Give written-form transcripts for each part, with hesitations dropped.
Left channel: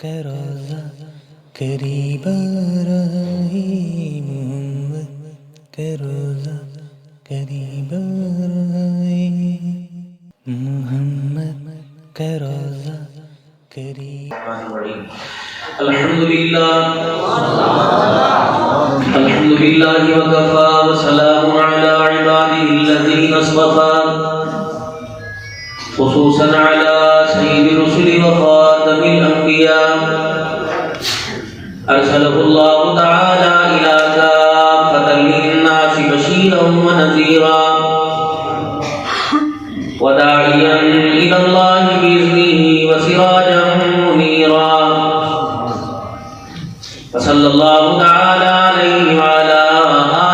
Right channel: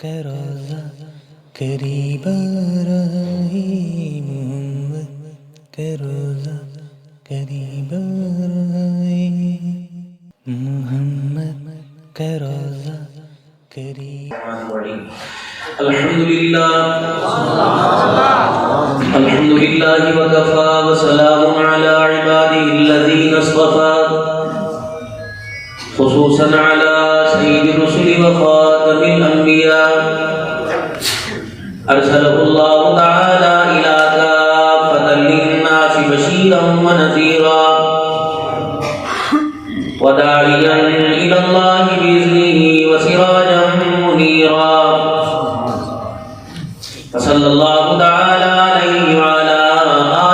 کا روزہ قریب آ رہا ہے، محمد کا روزہ قریب آ رہا ہے، محمد کا روزہ قریب۔ الحمدللہ وکفا وسلام علی عباده الذین اصطفى خصوصا علی سید الرسل وخاتم الانبیاء ارسلہ اللہ تعالی الى کافۃ للناس بشیرا ونذیرا وداعیا الی اللہ باذنہ وسراجا منیرا صلی اللہ تعالی علیہ وعلی آلہ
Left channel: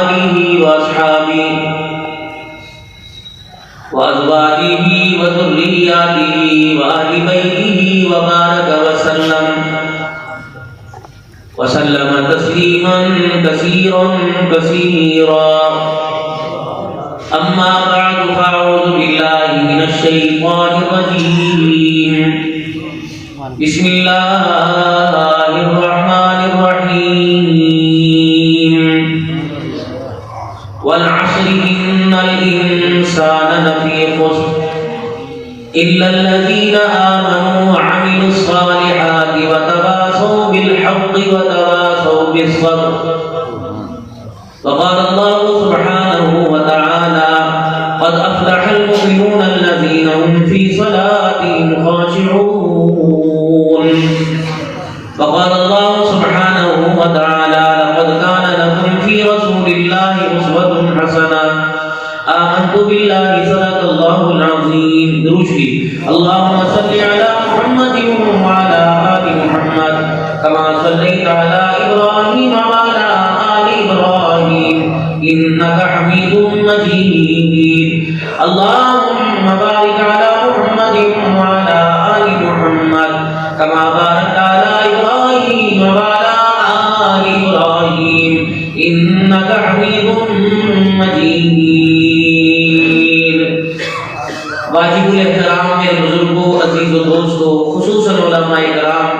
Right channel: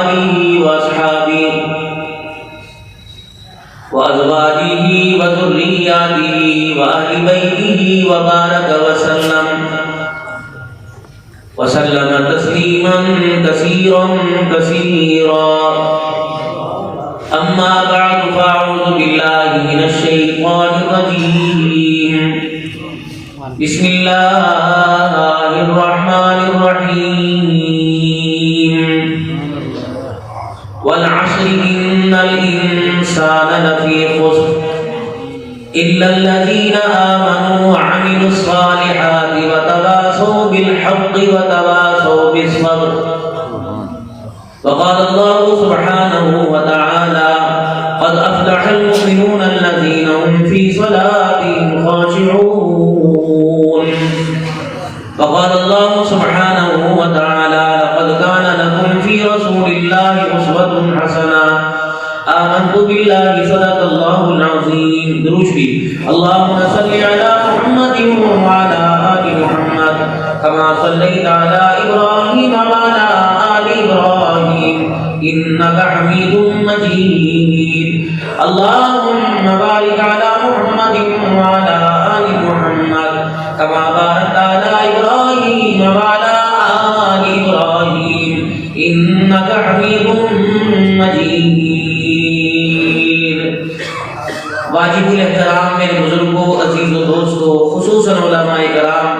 واصحابہ وازواجہ وذریاتہ واہل بیتہ وبارک وسلم تسلیما کثیرا کثیرا۔ اما بعد فاعوذ باللہ من الشیطان الرجیم، بسم اللہ الرحمن الرحیم، والعصر ان الانسان لفی خسر الا الذین آمنوا وعملوا الصالحات وتواصوا بالحق وتواصوا بالصبر۔ وقال اللہ سبحانہ وتعالی قد افلح المؤمنون الذین هم فی صلاتهم خاشعون۔ وقال الله سبحانه وتعالى لقد كان لكم في رسول الله أسوة حسنة آمنت بالله صدق الله العظيم۔ درشي اللهم صل على محمد وعلى آل محمد كما صليت على إبراهيم وعلى آل إبراهيم إنك حميد مجيد۔ اللهم بارك على محمد وعلى آل محمد كما باركت على إبراهيم وعلى آل إبراهيم إنك حميد مجيد۔ واجب الاحترام میرے بزرگوں، عزیز و دوستوں، خصوصاً علماء کرام،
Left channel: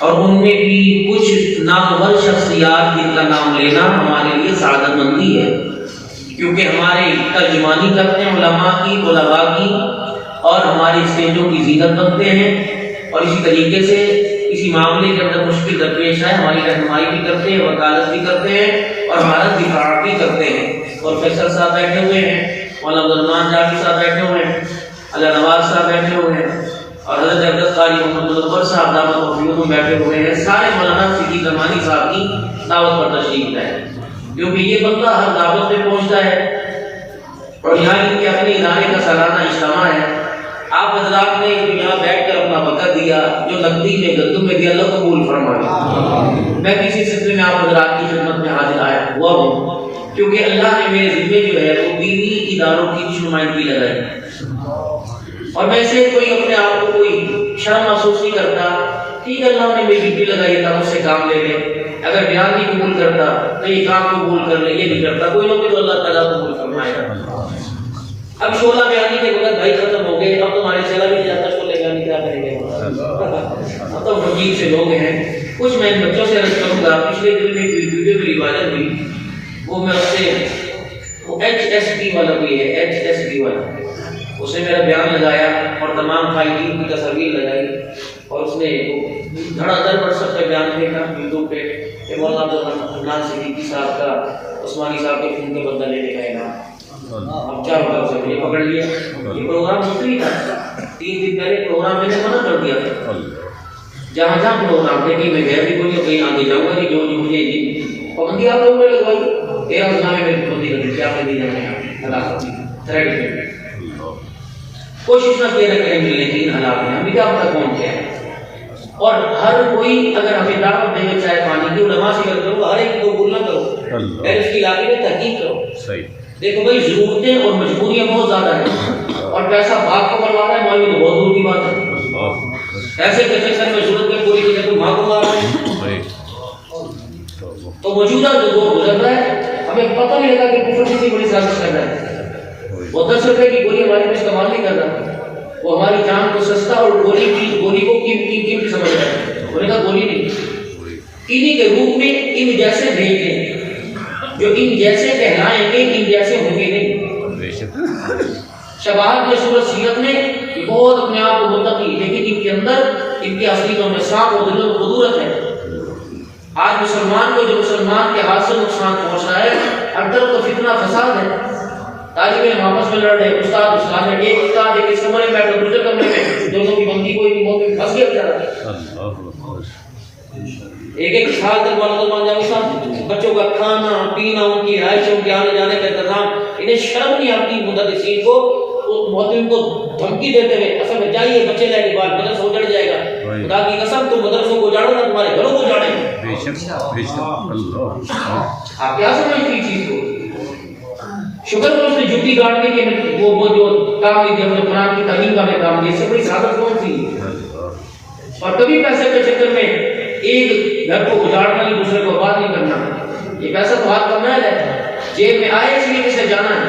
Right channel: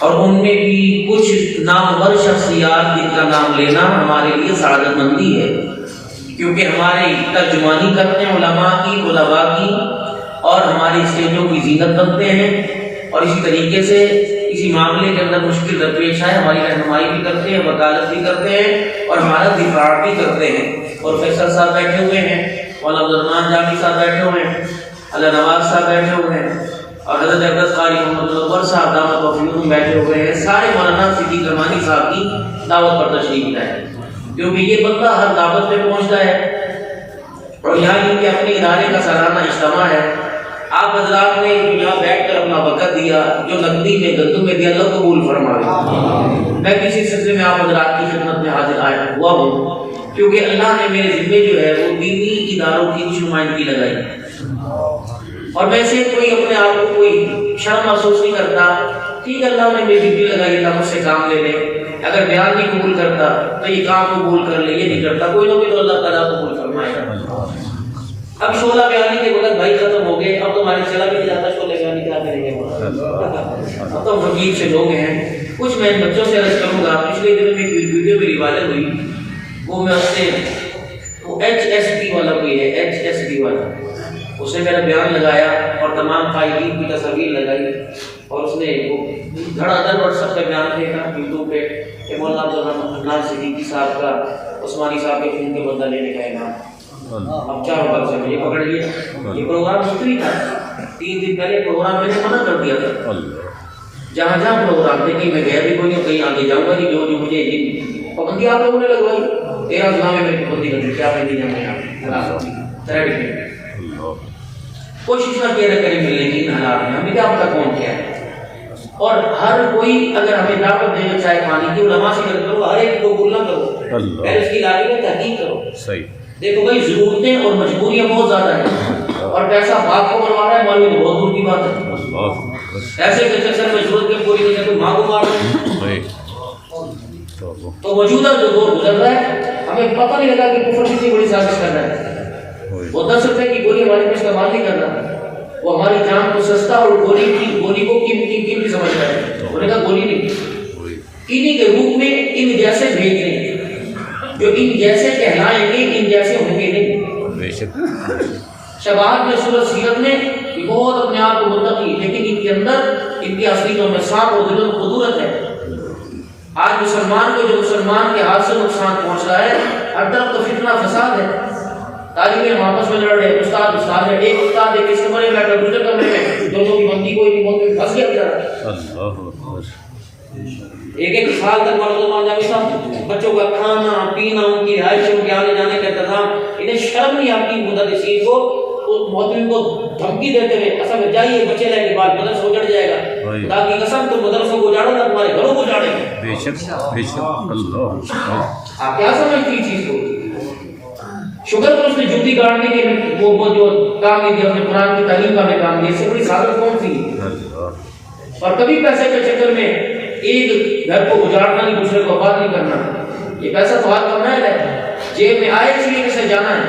اور ان میں بھی کچھ نامور شخصیات جن کا نام لینا ہمارے لیے سعادت مندی ہے، کیونکہ ہمارے ترجمانی کرتے ہیں علماء کی، طلباء کی، اور ہماری اسٹیجوں کی زینت بنتے ہیں، اور اسی طریقے سے کسی معاملے کے اندر مشکل درپیش ہے ہماری رہنمائی بھی کرتے ہیں، وکالت بھی کرتے ہیں، اور ہمارا دفاع بھی کرتے ہیں۔ اور فیصل صاحب بیٹھے ہوئے ہیں، مولانا عبدالرحمان جامی صاحب بیٹھے ہوئے ہیں، اللہ نواز صاحب بیٹھے ہوئے ہیں، اور حضرت عبدالقادر قاری محمد منور صاحب دامت توفیقہم بیٹھے ہوئے ہیں۔ سارے مولانا صدیق زمانی صاحب کی دعوت پر تشریف لائے، کیونکہ یہ بندہ ہر دعوت پہ پہنچتا ہے، اور یہاں ان کے اپنے ادارے کا سالانہ اجتماع ہے۔ آپ حضرات نے یہاں بیٹھ کر اپنا وقت دیا، جو نقدی میں گدوں میں دیا، اللہ قبول فرمائے۔ میں کسی سلسلے میں آپ حضرات کی خدمت میں حاضر آیا ہوا ہوں، کیونکہ اللہ نے میرے ذمے جو ہے وہ دینی اداروں کی نمائندگی لگائی، اور میں سے کوئی اپنے آپ کو کوئی شرم محسوس نہیں کرتا۔ ٹھیک ہے، اللہ نے میری ڈیوٹی لگائی، اللہ مجھ سے کام لے لے، اگر بیان نہیں قبول کرتا تو یہ کام قبول کر لے، یہ نہیں کرتا کوئی نہ کوئی تو اللہ تعالیٰ قبول فرمائے گا۔ اب شعلہ بیانی کے وقت بھائی ختم ہو گئے، اب تمہارے چلا بھی نہیں جاتا شعلہ بیانی کیا کریں گے، اب تو وکیل سے لوگ ہیں۔ کچھ میں ان بچوں سے عرض کروں گا، پچھلے دن میں ایک ویڈیو میری وائرل ہوئی، وہ میں اس سے HSP والا بھی ہے، HSP والا، اس نے میرا بیان لگایا اور تمام قائدین کی تصاویر لگائی، اور اس نے دھڑا دھڑ واٹس ایپ پہ بیان پھینکا یوٹیوب پہ کہ مولانا عبدالرحمان صدیقی صاحب کا عثمانی صاحب کے خون کے بدلہ لینے کا اعلان۔ اب کیا ہوگا، اسے مجھے پکڑ لیا۔ یہ پروگرام مستری تھا، 3 دن پہلے پروگرام میں نے منع کر دیا تھا، جہاں جہاں پروگرام تھے کہ میں گیا بھی کوئی کہیں آگے جاؤں گا، جو مجھے پابندی آپ لوگوں نے لگوائی، 13 زمانے میں پابندی لگی، کیا میں نہیں جانا ہے۔ کوشش نہ کیا کریں گے، لیکن حالات میں ہمیں کیا پتا کون کیا ہے، اور ہر کوئی اگر ہمیں دعوت دے گا چائے پانی کی، علماء سے کرتے ہو، ہر ایک کو قبول نہ کرو، پہلے اس کی علاقے میں تحقیق کرو۔ صحیح دیکھو بھائی، ضرورتیں اور مجبوریاں بہت زیادہ ہیں، اور پیسہ باپ کو بنوا رہا ہے، مولوی تو بہت دور کی بات ہے۔ ایسے بچے سر میں ضرورت میں پوری نہیں تو ماں کو مار رہے ہیں۔ تو موجودہ جو دور گزر رہا ہے، ہمیں پتہ نہیں لگا کہ کفر کتنی بڑی سازش کر رہا ہے۔ وہ 10 روپے کی گولی ہمارے میں استعمال نہیں کر رہا، وہ ہماری جان کو سستا اور گولی کو قیمتی سمجھ رہا ہے۔ شباب کے صورت سیرت میں یہ بہت اپنے آپ کو متقی، لیکن ان کے اندر ان کے اصلیتوں میں سانپ اور دلوں میں قدورت ہے۔ آج مسلمان کو جو مسلمان کے ہاتھ سے نقصان پہنچ رہا ہے، ہر طرف تو فتنہ فساد ہے، طالب علم آپس میں لڑ رہے، استاد استاد ہے، ایک استاد ایک اس کمرے میں بیٹھا دوسرے کمرے میں، دونوں کی بنتی کوئی نہیں، بہت پھنس گیا بیچارہ۔ ایک سال تک معلوم جاوید صاحب بچوں کا کھانا پینا، ان کی رہائش، ان کے آنے جانے کا انتظام، انہیں شرم نہیں آتی مدرسین کو، معتمین کو دھمکی دیتے ہوئے اصل میں جائیے بچے لے کے بعد مدرسہ اجڑ جائے گا، خدا کی قسم تم مدرسوں کو اجاڑو نہ تمہارے گھروں کو اجاڑیں گے۔ بے شک بے شک اللہ، آپ کیا سمجھتی اس چیز کو؟ شکر کو اس نے جوتی کاٹنے کے وہ جو کام نہیں دیا، اپنے قرآن کی تعلیم کا میں کام دیا، اس سے بڑی سعادت کون سی؟ اور کبھی پیسے کے چکر میں ایک گھر کو اجاڑنا نہیں، دوسرے کو آباد نہیں کرنا۔ یہ پیسہ تو ہاتھ کا محل ہے، جیب میں آئے اس لیے کسے جانا ہے،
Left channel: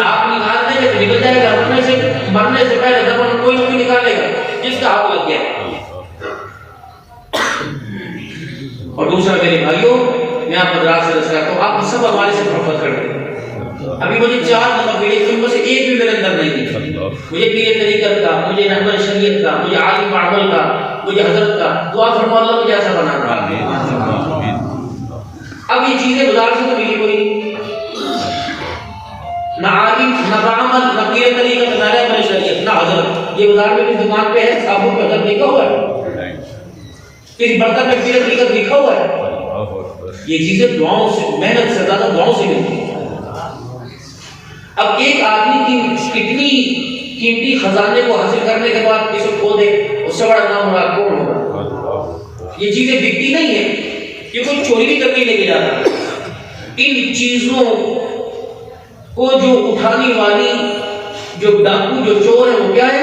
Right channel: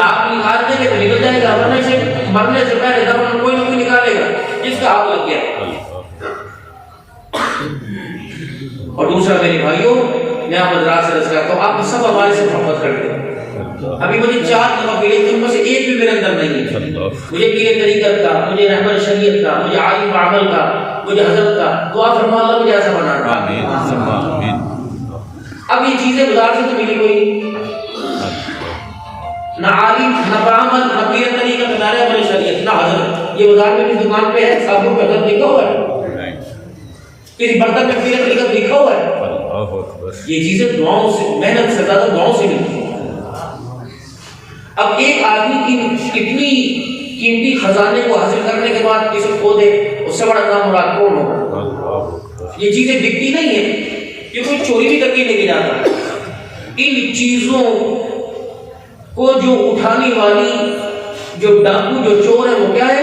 آپ نکال دیں گے تو نکل جائے گا، مرنے سے پہلے دفن کوئی نہ کوئی نکالے گا جس کا ہاتھ لگ گیا۔ اور دوسرا میرے بھائیوں، میں آپ کو راز سے رس کرتا ہوں، آپ سب ہمارے سے محبت کرتے ہیں۔ ابھی مجھے 4 مقابلے تم میں سے ایک بھی میرے اندر نہیں ہے، مجھے پیر طریقت کا، مجھے رہنما شریعت کا، مجھے عالم عمل کا، مجھے حضرت کا، دعا فرما اللہ مجھے ایسا بنانا۔ اب یہ چیزیں گزار سے تو ملی کوئی نہیں، نہ عالم نہ بعمل نہ پیر طریقت نہ رہنما شریعت نہ حضرت۔ یہ بازار میں کس دکان پہ ہے صابن پہ حضرت لکھا ہوا ہے، کسی برتن میں پیر طریقت لکھا ہوا ہے۔ یہ چیزیں دعاؤں سے، محنت سے زیادہ دعاؤں سے ملتی ہیں۔ اب ایک آدمی کی اتنی قیمتی خزانے کو حاصل کرنے کے بعد کسی کو کھو دے، اس سے بڑا نام مراد کون ہوگا؟ یہ چیزیں بکتی نہیں ہیں، یہ کوئی چوری بھی کر کے لے کے جاتا۔ ان چیزوں کو جو اٹھانے والی جو ڈاکو جو چور ہے وہ کیا ہے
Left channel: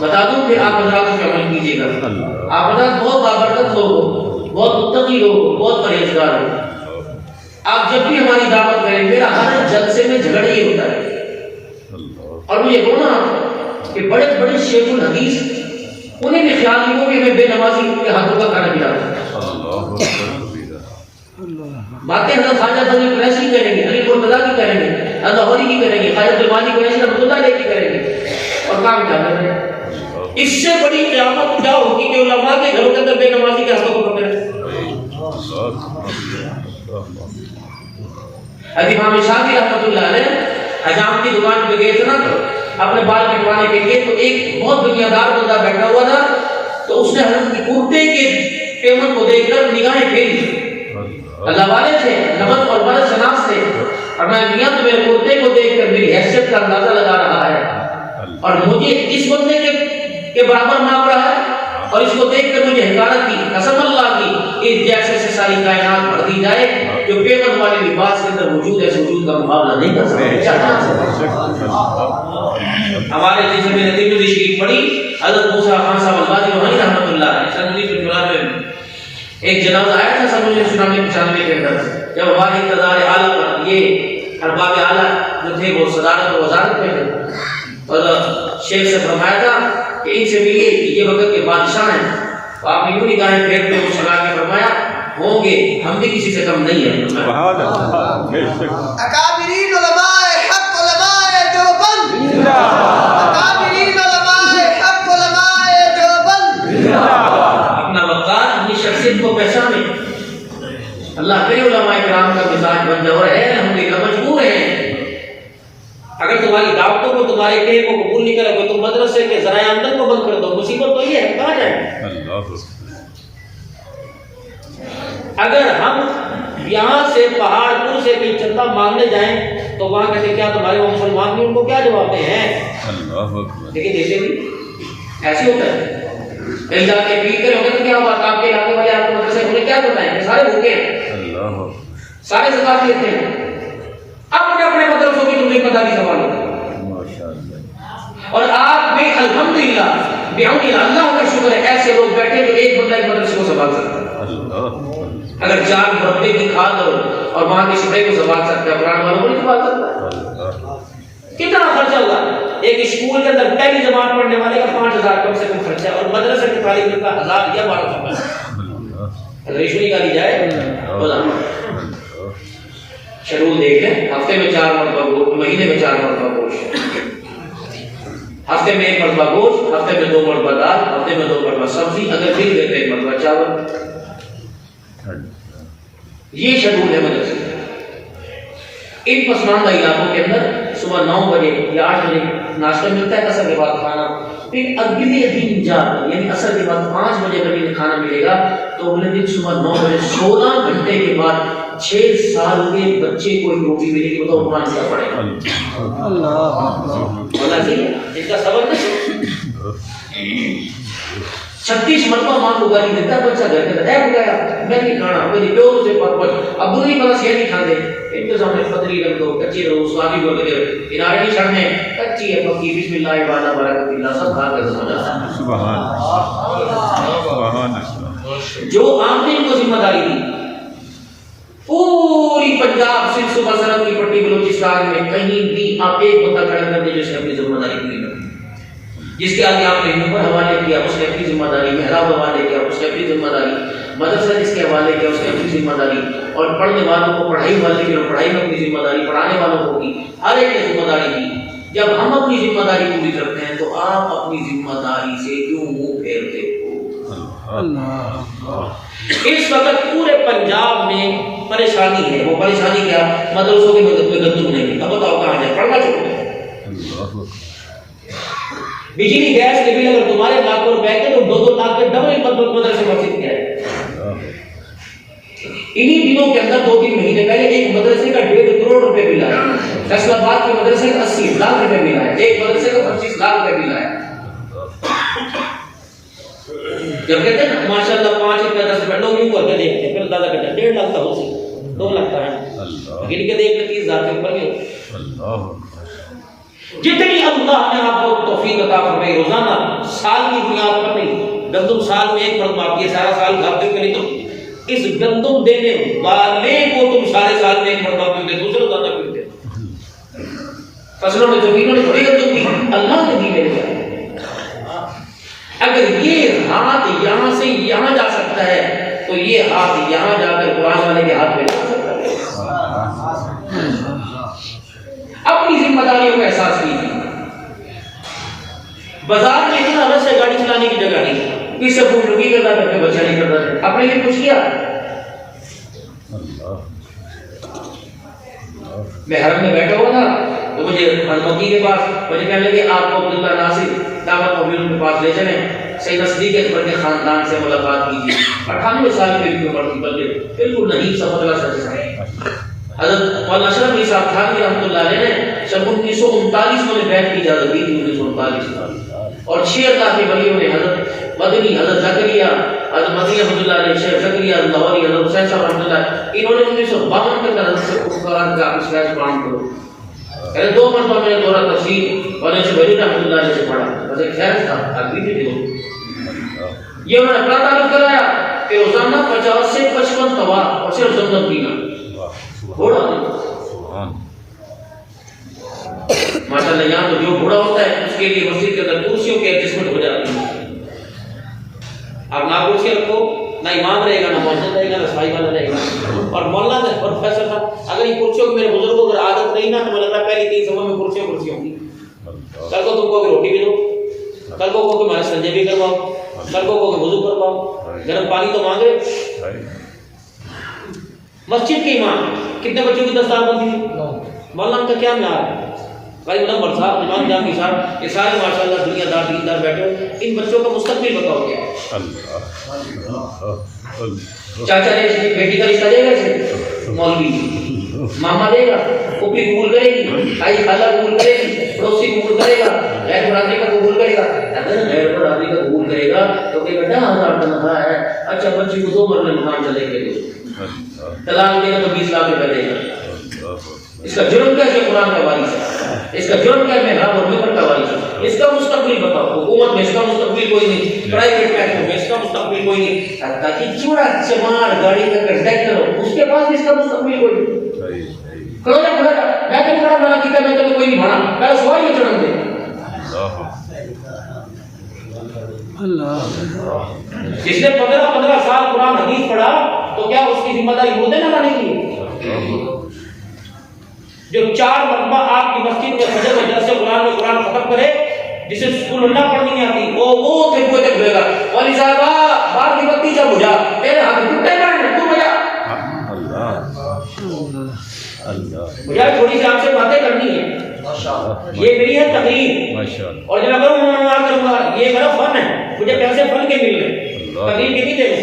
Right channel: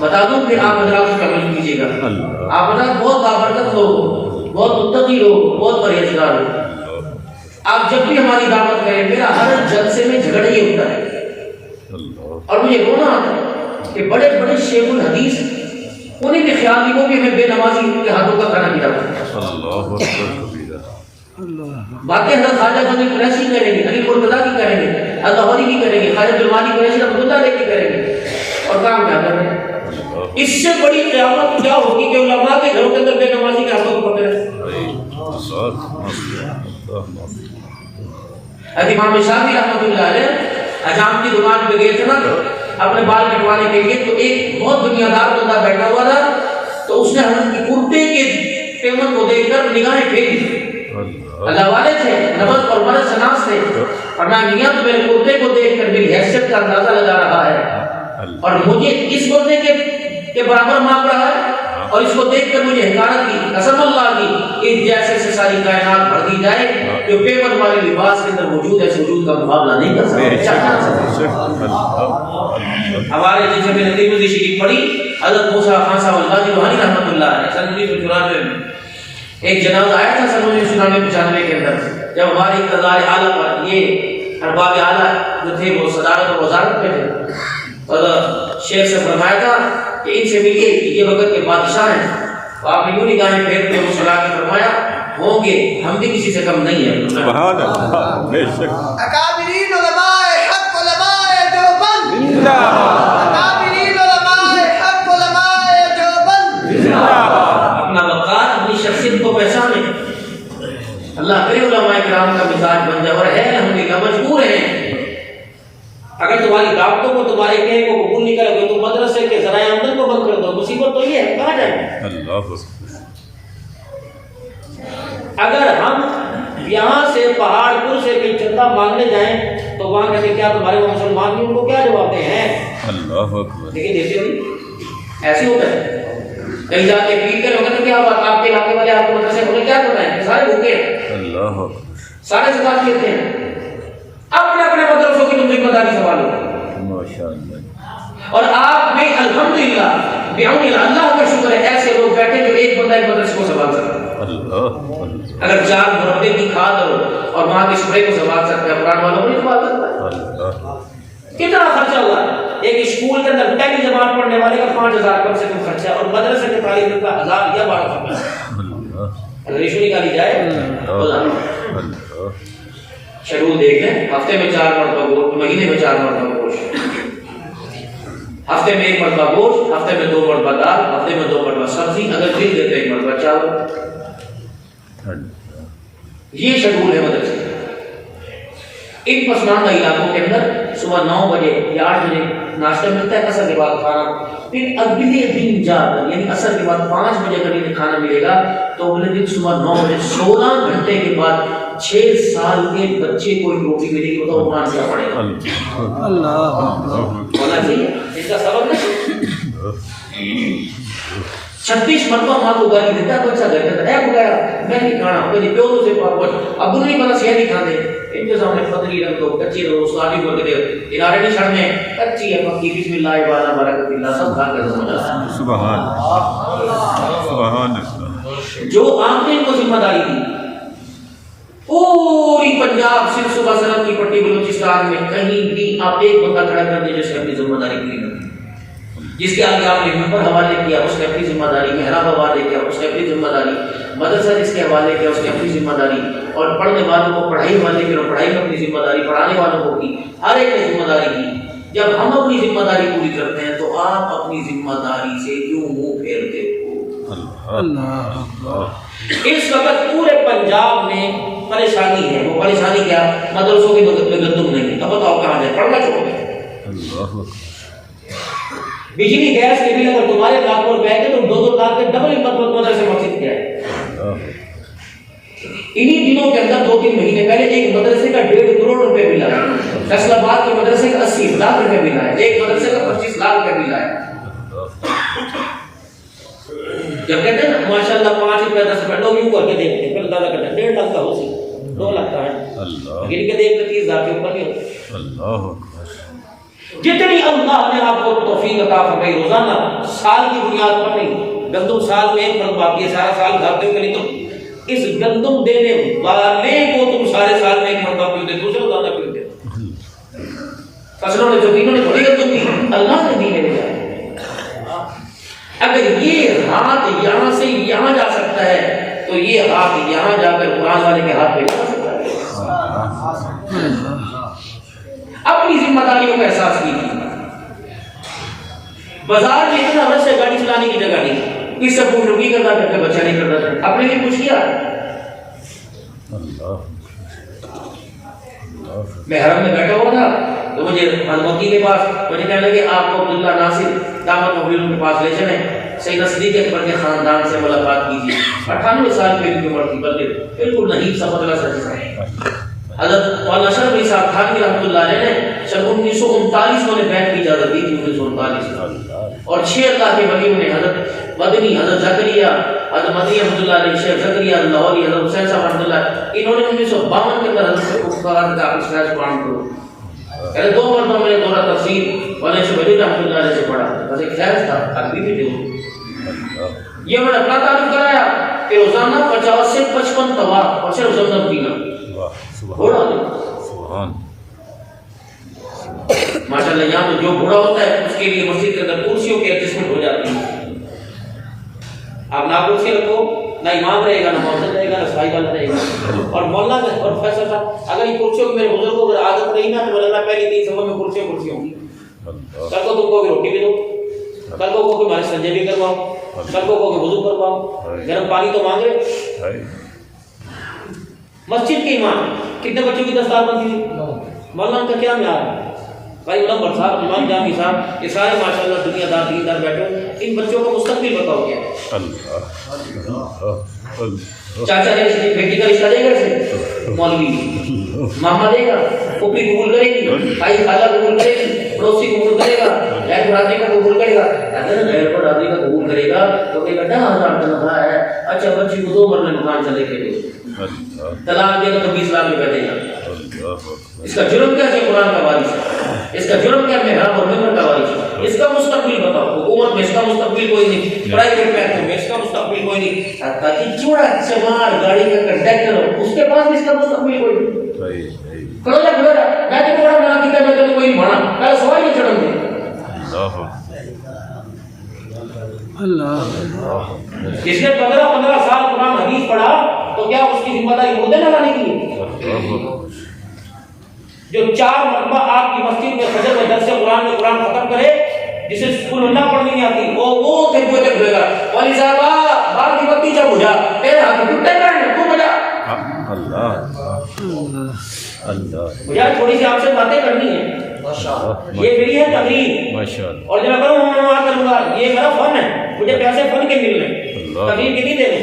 بتا دوں کہ آپ حضرات اس پہ عمل کیجیے گا۔ آپ حضرات بہت بابرکت لوگ ہو، بہت متقی لوگ ہو، بہت پرہیزگار ہو۔ آپ جب بھی ہماری دعوت کریں، میرا ہر جلسے میں جھگڑا یہ ہوتا ہے اور مجھے رونا آتا ہے کہ بڑے بڑے شیخ الحدیث انہیں بھی خیال نہیں ہو کہ ہمیں بے نمازی کے ہاتھوں کا کھانا کھلانا ہے۔ باتیں حضرت خواجہ غنی قریشی کی کریں گے، علی مرتضیٰ کی کریں گے، اللہ غوری کی کریں گے، حضرت المانی قریشی رحمۃ اللہ علیہ کی کریں گے، اور کام کیا کریں گے؟ اس سے بڑی قیامت کیا ہوگی کہ علماء کے گھروں کے اندر بے نمازی کے ہاتھوں کو پکڑے۔ امام شافعی رحمۃ اللہ علیہ حجام کی دکان پہ گئے تھے نا اپنے بال کٹوانے کے لیے، تو ایک بہت دنیا دار بندہ بیٹھا ہوا تھا، تو اس نے حضرت کی کرتے کے پیمنٹ کو دیکھ کر نگاہیں پھیری۔ اللہ والے تھے، نبت اور مرض شناس تھے، اور میں میاں تو میرے کرتے کو دیکھ کر میری حیثیت کا اندازہ لگا رہا ہے، اور مجھے اس بندے کے برابر مانگ رہا ہے، اور اس کو دیکھ کر مجھے حقارت کی، قسم اللہ کی اس جیسے سے ساری کائنات بھر دی جائے جو پیمنٹ والی لباس کے اندر وجود ہے، وجود کا مقابلہ نہیں کر سکتے۔ ہمارے جیسے میں نے ترمذی شریف پڑھی، حضرت موسیٰ خان صاحب البانی روحانی رحمۃ اللہ علیہ سن 1994 میں ایک جنازہ آیا تھا سن 1995 کے اندر، جب ہماری اقتدار اعلیٰ پر یہ ارباب اعلیٰ جو تھے وہ صدارت اور وزارت میں تھے، اور شیخ سے فرمایا تھا کہ ان سے ملیے کہ یہ وقت کے بادشاہ ہیں، تو آپ نے یوں نگاہیں پھیرتے ہوئے مسکرا کے فرمایا ہوں گے، ہم بھی کسی سے کم نہیں ہیں۔ اکابرین علماء حق علماء دیوبند، اکابرین علماء حق علماء دیوبند۔ اپنا وقار اپنی شخصیت کو پہچانے، اللہ کرے علماء کرام کا مزاج بن جائے، اور ہے الحمدللہ مجبور ہیں۔ اگر تمہاری دعوتوں کو تمہارے کہے کو قبول نہیں کرو گے تو مدرسے کے ذرائع آمدن کو بند کر دو، مصیبت تو یہ ہے، کہاں جائیں؟ اگر ہم یہاں سے پہاڑ پور سے کوئی چندہ مانگنے جائیں تو وہاں کہتے کیا تمہارے وہ مسلمان نہیں، ان کو کیا جواب دیں ہیں، لیکن دیتے نہیں، ایسے ہوتا ہے۔ کہیں جا کے اپیل کریں گے تو کیا بات آپ کے علاقے میں آپ کو مدرسے انہیں کیا بتائیں، سارے بھوکے ہیں، سارے زکات لیتے ہیں، اپنے اپنے مدرسوں کی تم ذمہ داری سنبھالو، اور آپ میں الحمدللہ بعون اللہ کا شکر ہے ایسے لوگ بیٹھے جو ایک بندہ ایک مدرسے کو سنبھال سکتے ہیں۔ اگر 4 مربے کی کھاد اور وہاں کے سپرے کو سنبھال سکتے ہیں، قرآن والوں کو نہیں سنبھال سکتا۔ کتنا خرچہ ہوا؟ ایک اسکول کے اندر پہلی جماعت پڑھنے والے کا 5000 کم سے کم خرچہ ہے، اور مدرسے کے طالب کا 1000 یا 1200 اگر ایشو نکالی جائے تو شیڈول دیکھ لیں، ہفتے میں 4 مرتبہ گوشت، مہینے میں 4 مرتبہ گوشت، ہفتے میں 1 مرتبہ گوشت، ہفتے میں 2 مرتبہ دال، ہفتے میں 2 مرتبہ سبزی، اگر پھر دیتے 1 مرتبہ چاول. یہ شیڈول ہے مدرسے. ان پسماندہ علاقوں کے اندر صبح 9 بجے یا 8 بجے ناشتہ ملتا ہے، اثر کے بعد کھانا، پھر اگلے دن جا کر یعنی اثر کے بعد 5 بجے اگر انہیں کھانا ملے گا تو اگلے دن صبح 9 بجے 16 گھنٹے کے بعد 6 سال کے بچے کو ایک روٹی ملے گی. بتاؤ قرآن سے پڑھے گا. اللہ ہونا چاہیے اس کا سبب نہیں. 36 مرتبہ ماں کو گالی دیتا ہے بچہ گھر کے اندر، بتایا میں نہیں کھانا، میری پیو سے ابو نہیں بنا سیا نہیں کھاتے. ان کے سامنے پتلی رکھ دو، کچی رکھ دو، سوادی بول کے کنارے نہیں چھڑنے، کچی ہے پکی، بسم اللہ والا برکت اللہ، سب کھا کے سمجھ آ. سبحان اللہ. جو آپ نے ان کو ذمہ داری دی، پوری پنجاب سندھ صوبہ سرحد کی پٹی بلوچستان میں کہیں بھی آپ ایک بندہ کھڑا کر دیں جو سے اپنی ذمہ داری پوری کرے. جس کے آگے آپ نے ممبر حوالے کیا اس نے اپنی ذمہ داری، محراب حوالے کیا اس نے اپنی ذمہ داری، مدرسہ جس کے حوالے کیا اس نے اپنی ذمہ داری، اور پڑھنے والوں کو پڑھائی والے کی پڑھائی میں اپنی ذمہ داری، پڑھانے والوں کو کی، ہر ایک نے ذمہ داری کی. جب ہم اپنی ذمہ داری پوری کرتے ہیں تو آپ اپنی ذمہ داری سے کیوں منہ پھیرتے ہو؟ اس وقت پورے پنجاب میں پریشانی ہے. وہ پریشانی کیا؟ مدرسوں کے گندم نہیں ہے. اب بتاؤ کہاں جائے؟ پڑھنا چھوڑ دیں. بجلی گیس کے بل اگر تمہارے لاکھوں روپے کے تو 2-2 لاکھ کے ڈبل مدرسے مسجد کے ہے. انہی دنوں کے اندر 2-3 مہینے پہلے ایک مدرسے کا 1.5 کروڑ روپے بل آیا. فیصل آباد کے مدرسے کا 80 لاکھ روپے بل آیا. ایک مدرسے کا 25 لاکھ روپے بل آیا. جب کہتے ہیں نا ماشاء اللہ 5 روپے 10 روپے لوگ یوں کر کے دیکھتے ہیں، پھر اندازہ کرتے ہیں 1.5 لاکھ کا ہو سی 2 لاکھ کا ہے، گن کے دیکھ لیں 30,000 کے اوپر نہیں ہوتا. جتنی اللہ نے آپ کو توفیق عطا فرمائی روزانہ سال کی بنیاد پر نہیں، گندم سال میں 1 مرتبہ آتی ہے، سارا سال کھاتے ہو کہ نہیں، تو اس گندم دینے والے کو تم سارے سال میں 1 مرتبہ پیتے، دوسرے روزانہ پیتے. فصلوں میں زمینوں نے تھوڑی گندم دی، اللہ نے دی ہے. اگر یہ ہاتھ یہاں سے یہاں جا سکتا ہے تو یہ ہاتھ یہاں جا کر قرآن والے کے ہاتھ میں جا سکتا ہے. اپنی ذمہ داریوں کا احساس کیجیے. بازار میں اتنا رش ہے گاڑی چلانے کی جگہ نہیں، کس سے پوچھ لو کی کرتا ہے بچہ نہیں کرتا، اپنے لیے کچھ کیا. میں حرم میں بیٹھا ہوا تھا تو مجھے مکی کے پاس مجھے کہنے لگے آپ کو عبداللہ ناصر دعوت مبین کے پاس لے چلیں، سیدنا صدیق اکبر کے خاندان سے ملاقات کیجیے. 98 سال کی عمر کی بندے بالکل نہیں سمجھنا سکتا. حضرت مولانا اشرف علی صاحب تھانوی رحمۃ اللہ علیہ نے سن 1939 میں بیعت کی اجازت دی تھی. 1939 اور 6 اللہ کے ولیوں نے حضرت مدنی، حضرت زکریا، حضرت مدنی رحمۃ اللہ علیہ، شیخ زکریا لاہوری، حضرت حسین صاحب رحمۃ اللہ، انہوں نے 1952 کے اندر حضرت کو قرآن کا اسلاف قرآن کو پہلے 2 مرتبہ میں نے دورہ تفسیر مولانا شیخ ولی رحمۃ اللہ علیہ سے پڑھا. بس ایک خیر تھا عربی بھی تھے. یہ انہوں نے اپنا تعلق کرایا کہ روزانہ 50 سے 55 طواف اور صرف زمزم پینا گھوڑا دے. ماشاءاللہ یہاں تو جو گھوڑا ہوتا ہے اس کے لیے مسجد کے اندر کرسیوں کی ایڈجسٹمنٹ ہو جاتی ہے. آپ نہ کرسی رکھو، نہ امام رہے گا، نہ مؤذن رہے گا، نہ صاحب والا رہے گا. اور مولانا اور پروفیسر صاحب اگر یہ کرسیوں کی میرے بزرگوں اگر عادت رہی نا تو مجھے لگ رہا پہلی 3 صفحہ میں کرسی ہوں گی. کل کو تم کو کہ روٹی بھی دو، کل کو کہ ہمارے سنجے بھی کرواؤ، کل کو کہ وضو کرواؤ، گرم پانی تو مانگ رہے. مسجد کے امام کتنے بچوں کی دستار بنتی تھی؟ مولانا کا کیا معیار ہے؟ بھائی منور صاحب، امام جامی صاحب، یہ سارے ماشاءاللہ دنیا دار دیندار بیٹھے ہو، ان بچوں کا مستقبل بتاؤ کیا؟ چاچا نے بیٹی کا رشتہ دے گا اسے؟ مولوی. ماما دے گا، پھوپھی قبول کرے گی، بھائی خالہ قبول کرے گی، پڑوسی قبول کرے گا، غیر برادری کا قبول کرے گا. اگر غیر برادری کا قبول کرے گا تو کہے گا 10,000 تنخواہ ہے، اچھا بچی کو 2 مرلے مکان چلے گئے، طلاق دے گا تو 20 لاکھ روپے دے گا. اس کا جرم کیا ہے؟ قرآن کا وارث ہے. اس کا جرم کیا ہے؟ محراب اور ممبر کا وارث ہے. اس کا مستقبل بتاؤ. حکومت میں اس کا مستقبل کوئی نہیں، پرائیویٹ بینکوں میں اس کا مستقبل کوئی نہیں، حتیٰ کہ چوڑا چمار گاڑی کا کنڈکٹر ہو اس کے پاس بھی اس کا مستقبل کوئی نہیں. کھڑو جا میں تو بڑا بنا کیا میں تو کوئی نہیں بنا پہلے سوال میں چڑھن دے. جس نے 15 سال قرآن حدیث پڑھا تو کیا اس کی ذمہ داری مردے نہ لانے کی ہے؟ جو 4 مرتبہ آپ کی مسجد میں فجر میں درس قرآن میں قرآن ختم کرے، جسے سکول اللہ پڑھنی نہیں آتی، وہ پھر کوئی تک ہوئے گا والی صاحبہ باہر کی بتی چل بجھا میرے ہاتھ ٹوٹے میں تو بجا مجھے تھوڑی سی آپ سے باتیں کرنی ہے، یہ میری ہے تقریر، اور جب میں کروں گا یہ میرا فن ہے، مجھے پیسے فن کے مل رہے تقریر کے نہیں دے رہے،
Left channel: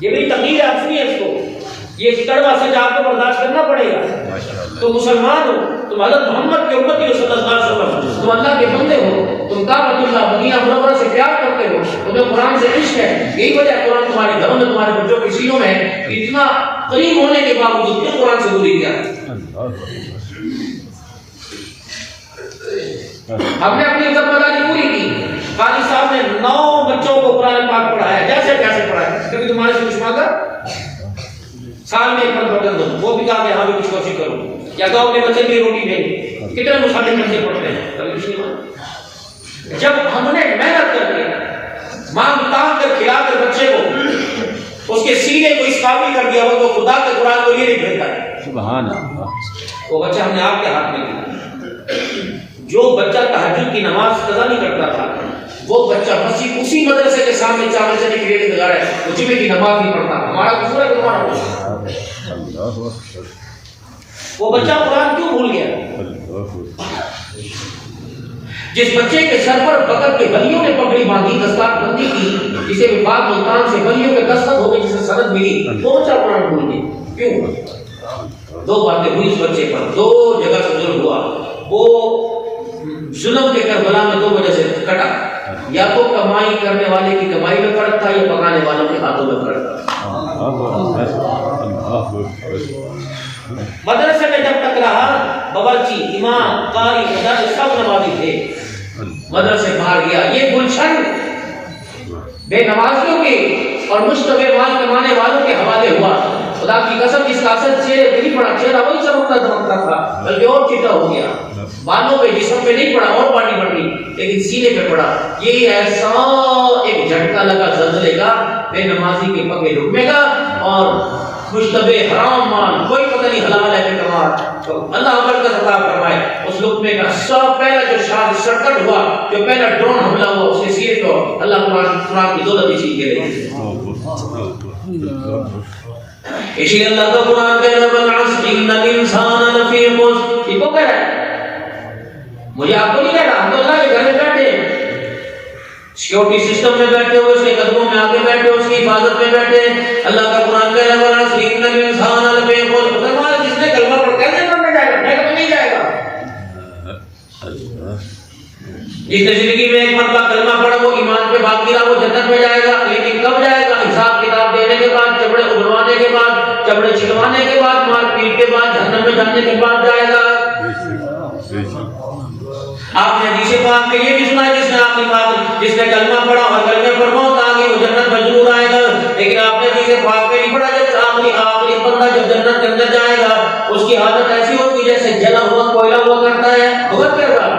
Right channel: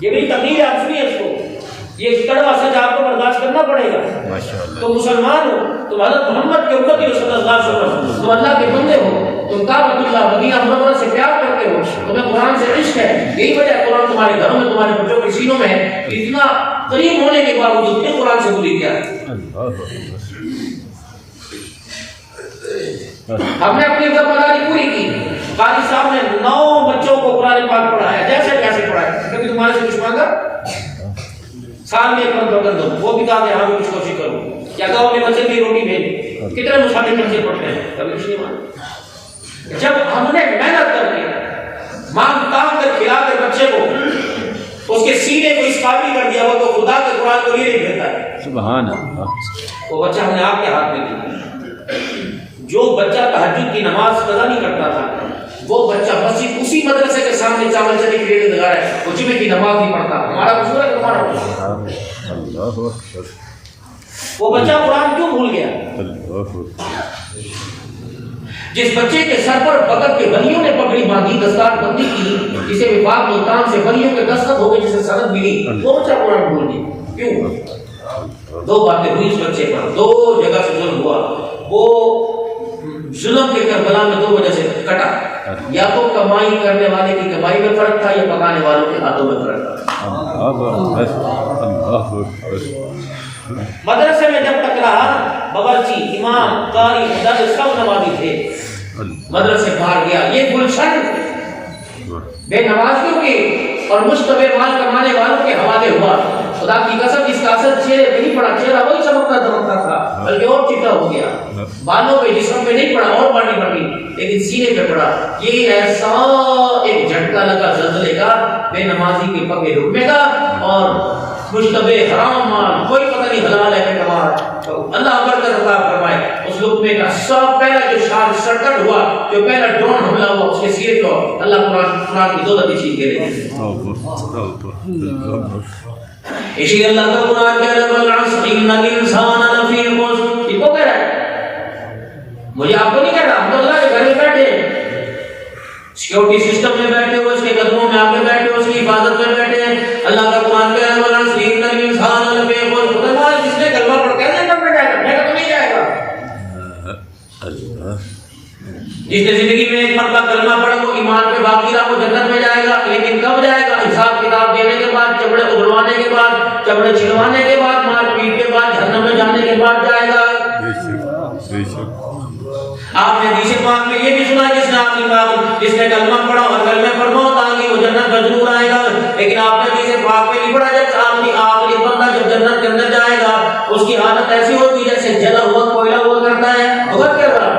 یہ میری تقریر ہے، آپ سنیے اس کو، یہ کڑوا سچ آپ کو برداشت کرنا پڑے گا۔ تم مسلمان ہو، تم حضرت محمد کے امتی ہو صلی اللہ علیہ وسلم، تم اللہ کے بندے ہو، تم کعبۃ اللہ مدینہ منورہ سے پیار کرتے ہو، تمہیں قرآن سے عشق ہے، یہی وجہ ہے قرآن تمہارے گھروں میں تمہارے بچوں کے سینوں میں ہے، اتنا قریب ہونے کے باوجود بھی قرآن سے دوری کیا۔ ہم نے اپنی ذمہ داری پوری کی، قاضی صاحب نے 9 بچوں کو قرآن پاک پڑھایا، جیسے کیسے پڑھایا، کبھی تمہارے سے کچھ مانگا؟ سال میں 1 مرتبہ کر دو، وہ بھی کہا کہ ہاں بھی کچھ کوشش کرو، یا تو اپنے بچے کی روٹی بھیج، کتنے مصالحے بچے پڑھتے ہیں، کبھی کچھ نہیں مانگا۔ جب ہم نے محنت کر کے مانگ تان کر کھلا کر بچے کو اس کے سینے کو اس قابل کر دیا، وہ تو خدا کے قرآن کو یہ نہیں بھیجتا ہے، سبحان اللہ، وہ بچہ ہم نے آپ کے ہاتھ میں دیا۔ جو بچہ تہجد کی نماز قضا نہیں کرتا تھا، وہ بچہ مسجد اسی مدرسے کے سامنے چاول چنے کی ریل لگا رہا ہے، وہ جمعے کی نماز نہیں پڑھتا، ہمارا قصور ہے کہ تمہارا قصور؟ وہ بچہ قرآن کیوں بھول گیا؟ جس بچے کے سر پر بکر کے ولیوں نے پگڑی باندھی، دستار بندی کی، جسے وفاق ملتان سے ولیوں کے دستخط ہو گئے، جسے سند ملی، وہ بچہ قرآن بھول گیا کیوں؟ 2 باتیں ہوئی اس بچے پر، 2 جگہ سے ظلم ہوا، وہ ظلم کے کربلا میں 2 وجہ سے کٹا، یا تو کمائی کرنے والے کی کمائی میں فرق تھا، یا پکانے والوں کے ہاتھوں میں فرق تھا۔ مدرسے میں جب تک رہا، باورچی، امام، قاری، مدرس سب نمازی تھے، مدرسے باہر گیا، یہ گلشن بے نمازیوں کے اور مشتبہ مال کمانے والوں کے حوالے ہوا۔ خدا کی قسم اس کا اثر چہرے پہ نہیں پڑا، چہرہ وہی چمکتا دمکتا تھا، بلکہ اور چٹا ہو گیا، بالوں پہ جسم پہ نہیں پڑا، اور بڑی بڑی، لیکن سینے پہ پڑا۔ یہ ایسا ایک جھٹکا لگا زلزلے کا، بے نمازی کے پگے رکنے کا، اور مشتبہ حرام مال، کوئی پتہ نہیں حلال ہے کہ کما رہا ہے، اللہ اگر کا عطا فرمائے۔ اس لقمے کا سب پہلا جو شرکت ہوا، جو پہلا ڈرون حملہ ہوا اس کے سینے کو، اللہ قرآن کی دولت اسی کے لیے۔ اسی اللہ کا قرآن کہہ رہا ہے والعصر ان الانسان لفی خسر، یہ کو کہہ رہا ہے، مجھے آپ کو نہیں کہہ رہا، ہم تو اللہ کے گھر میں بیٹھے ہیں، سیکورٹی سسٹم میں بیٹھے ہو، اس کے قدموں میں آگے بیٹھے ہو، اس کی حفاظت میں بیٹھے ہیں۔ اللہ کا قرآن کہہ رہا ہے والعصر ان الانسان لفی خسر، خدا ہمارا جس نے کلمہ پڑھ کیسے نام میں جائے گا، میں تو نہیں جائے گا۔ جس نے زندگی میں 1 مرتبہ کلمہ پڑھا وہ ایمان پہ باقی رہا، وہ جنت میں جائے گا، لیکن کب جائے گا؟ حساب کتاب دینے کے بعد، چبڑے اگلوانے کے بعد، چبڑے چھلوانے کے بعد، مار پیٹ کے بعد، جہنم میں جانے کے بعد جائے گا۔ آپ نے حدیث پاک میں یہ بھی سنا، جس نے آخری بات، جس نے کلمہ پڑھا اور کلمے پر موت آ گئی وہ جنت میں ضرور آئے گا، لیکن آپ نے حدیث پاک میں نہیں پڑھا جب آخری بندہ جب جنت کے اندر جائے گا اس کی حالت ایسی ہوگی جیسے جلا ہوا کوئلہ ہوا کرتا ہے، بہت کر رہا۔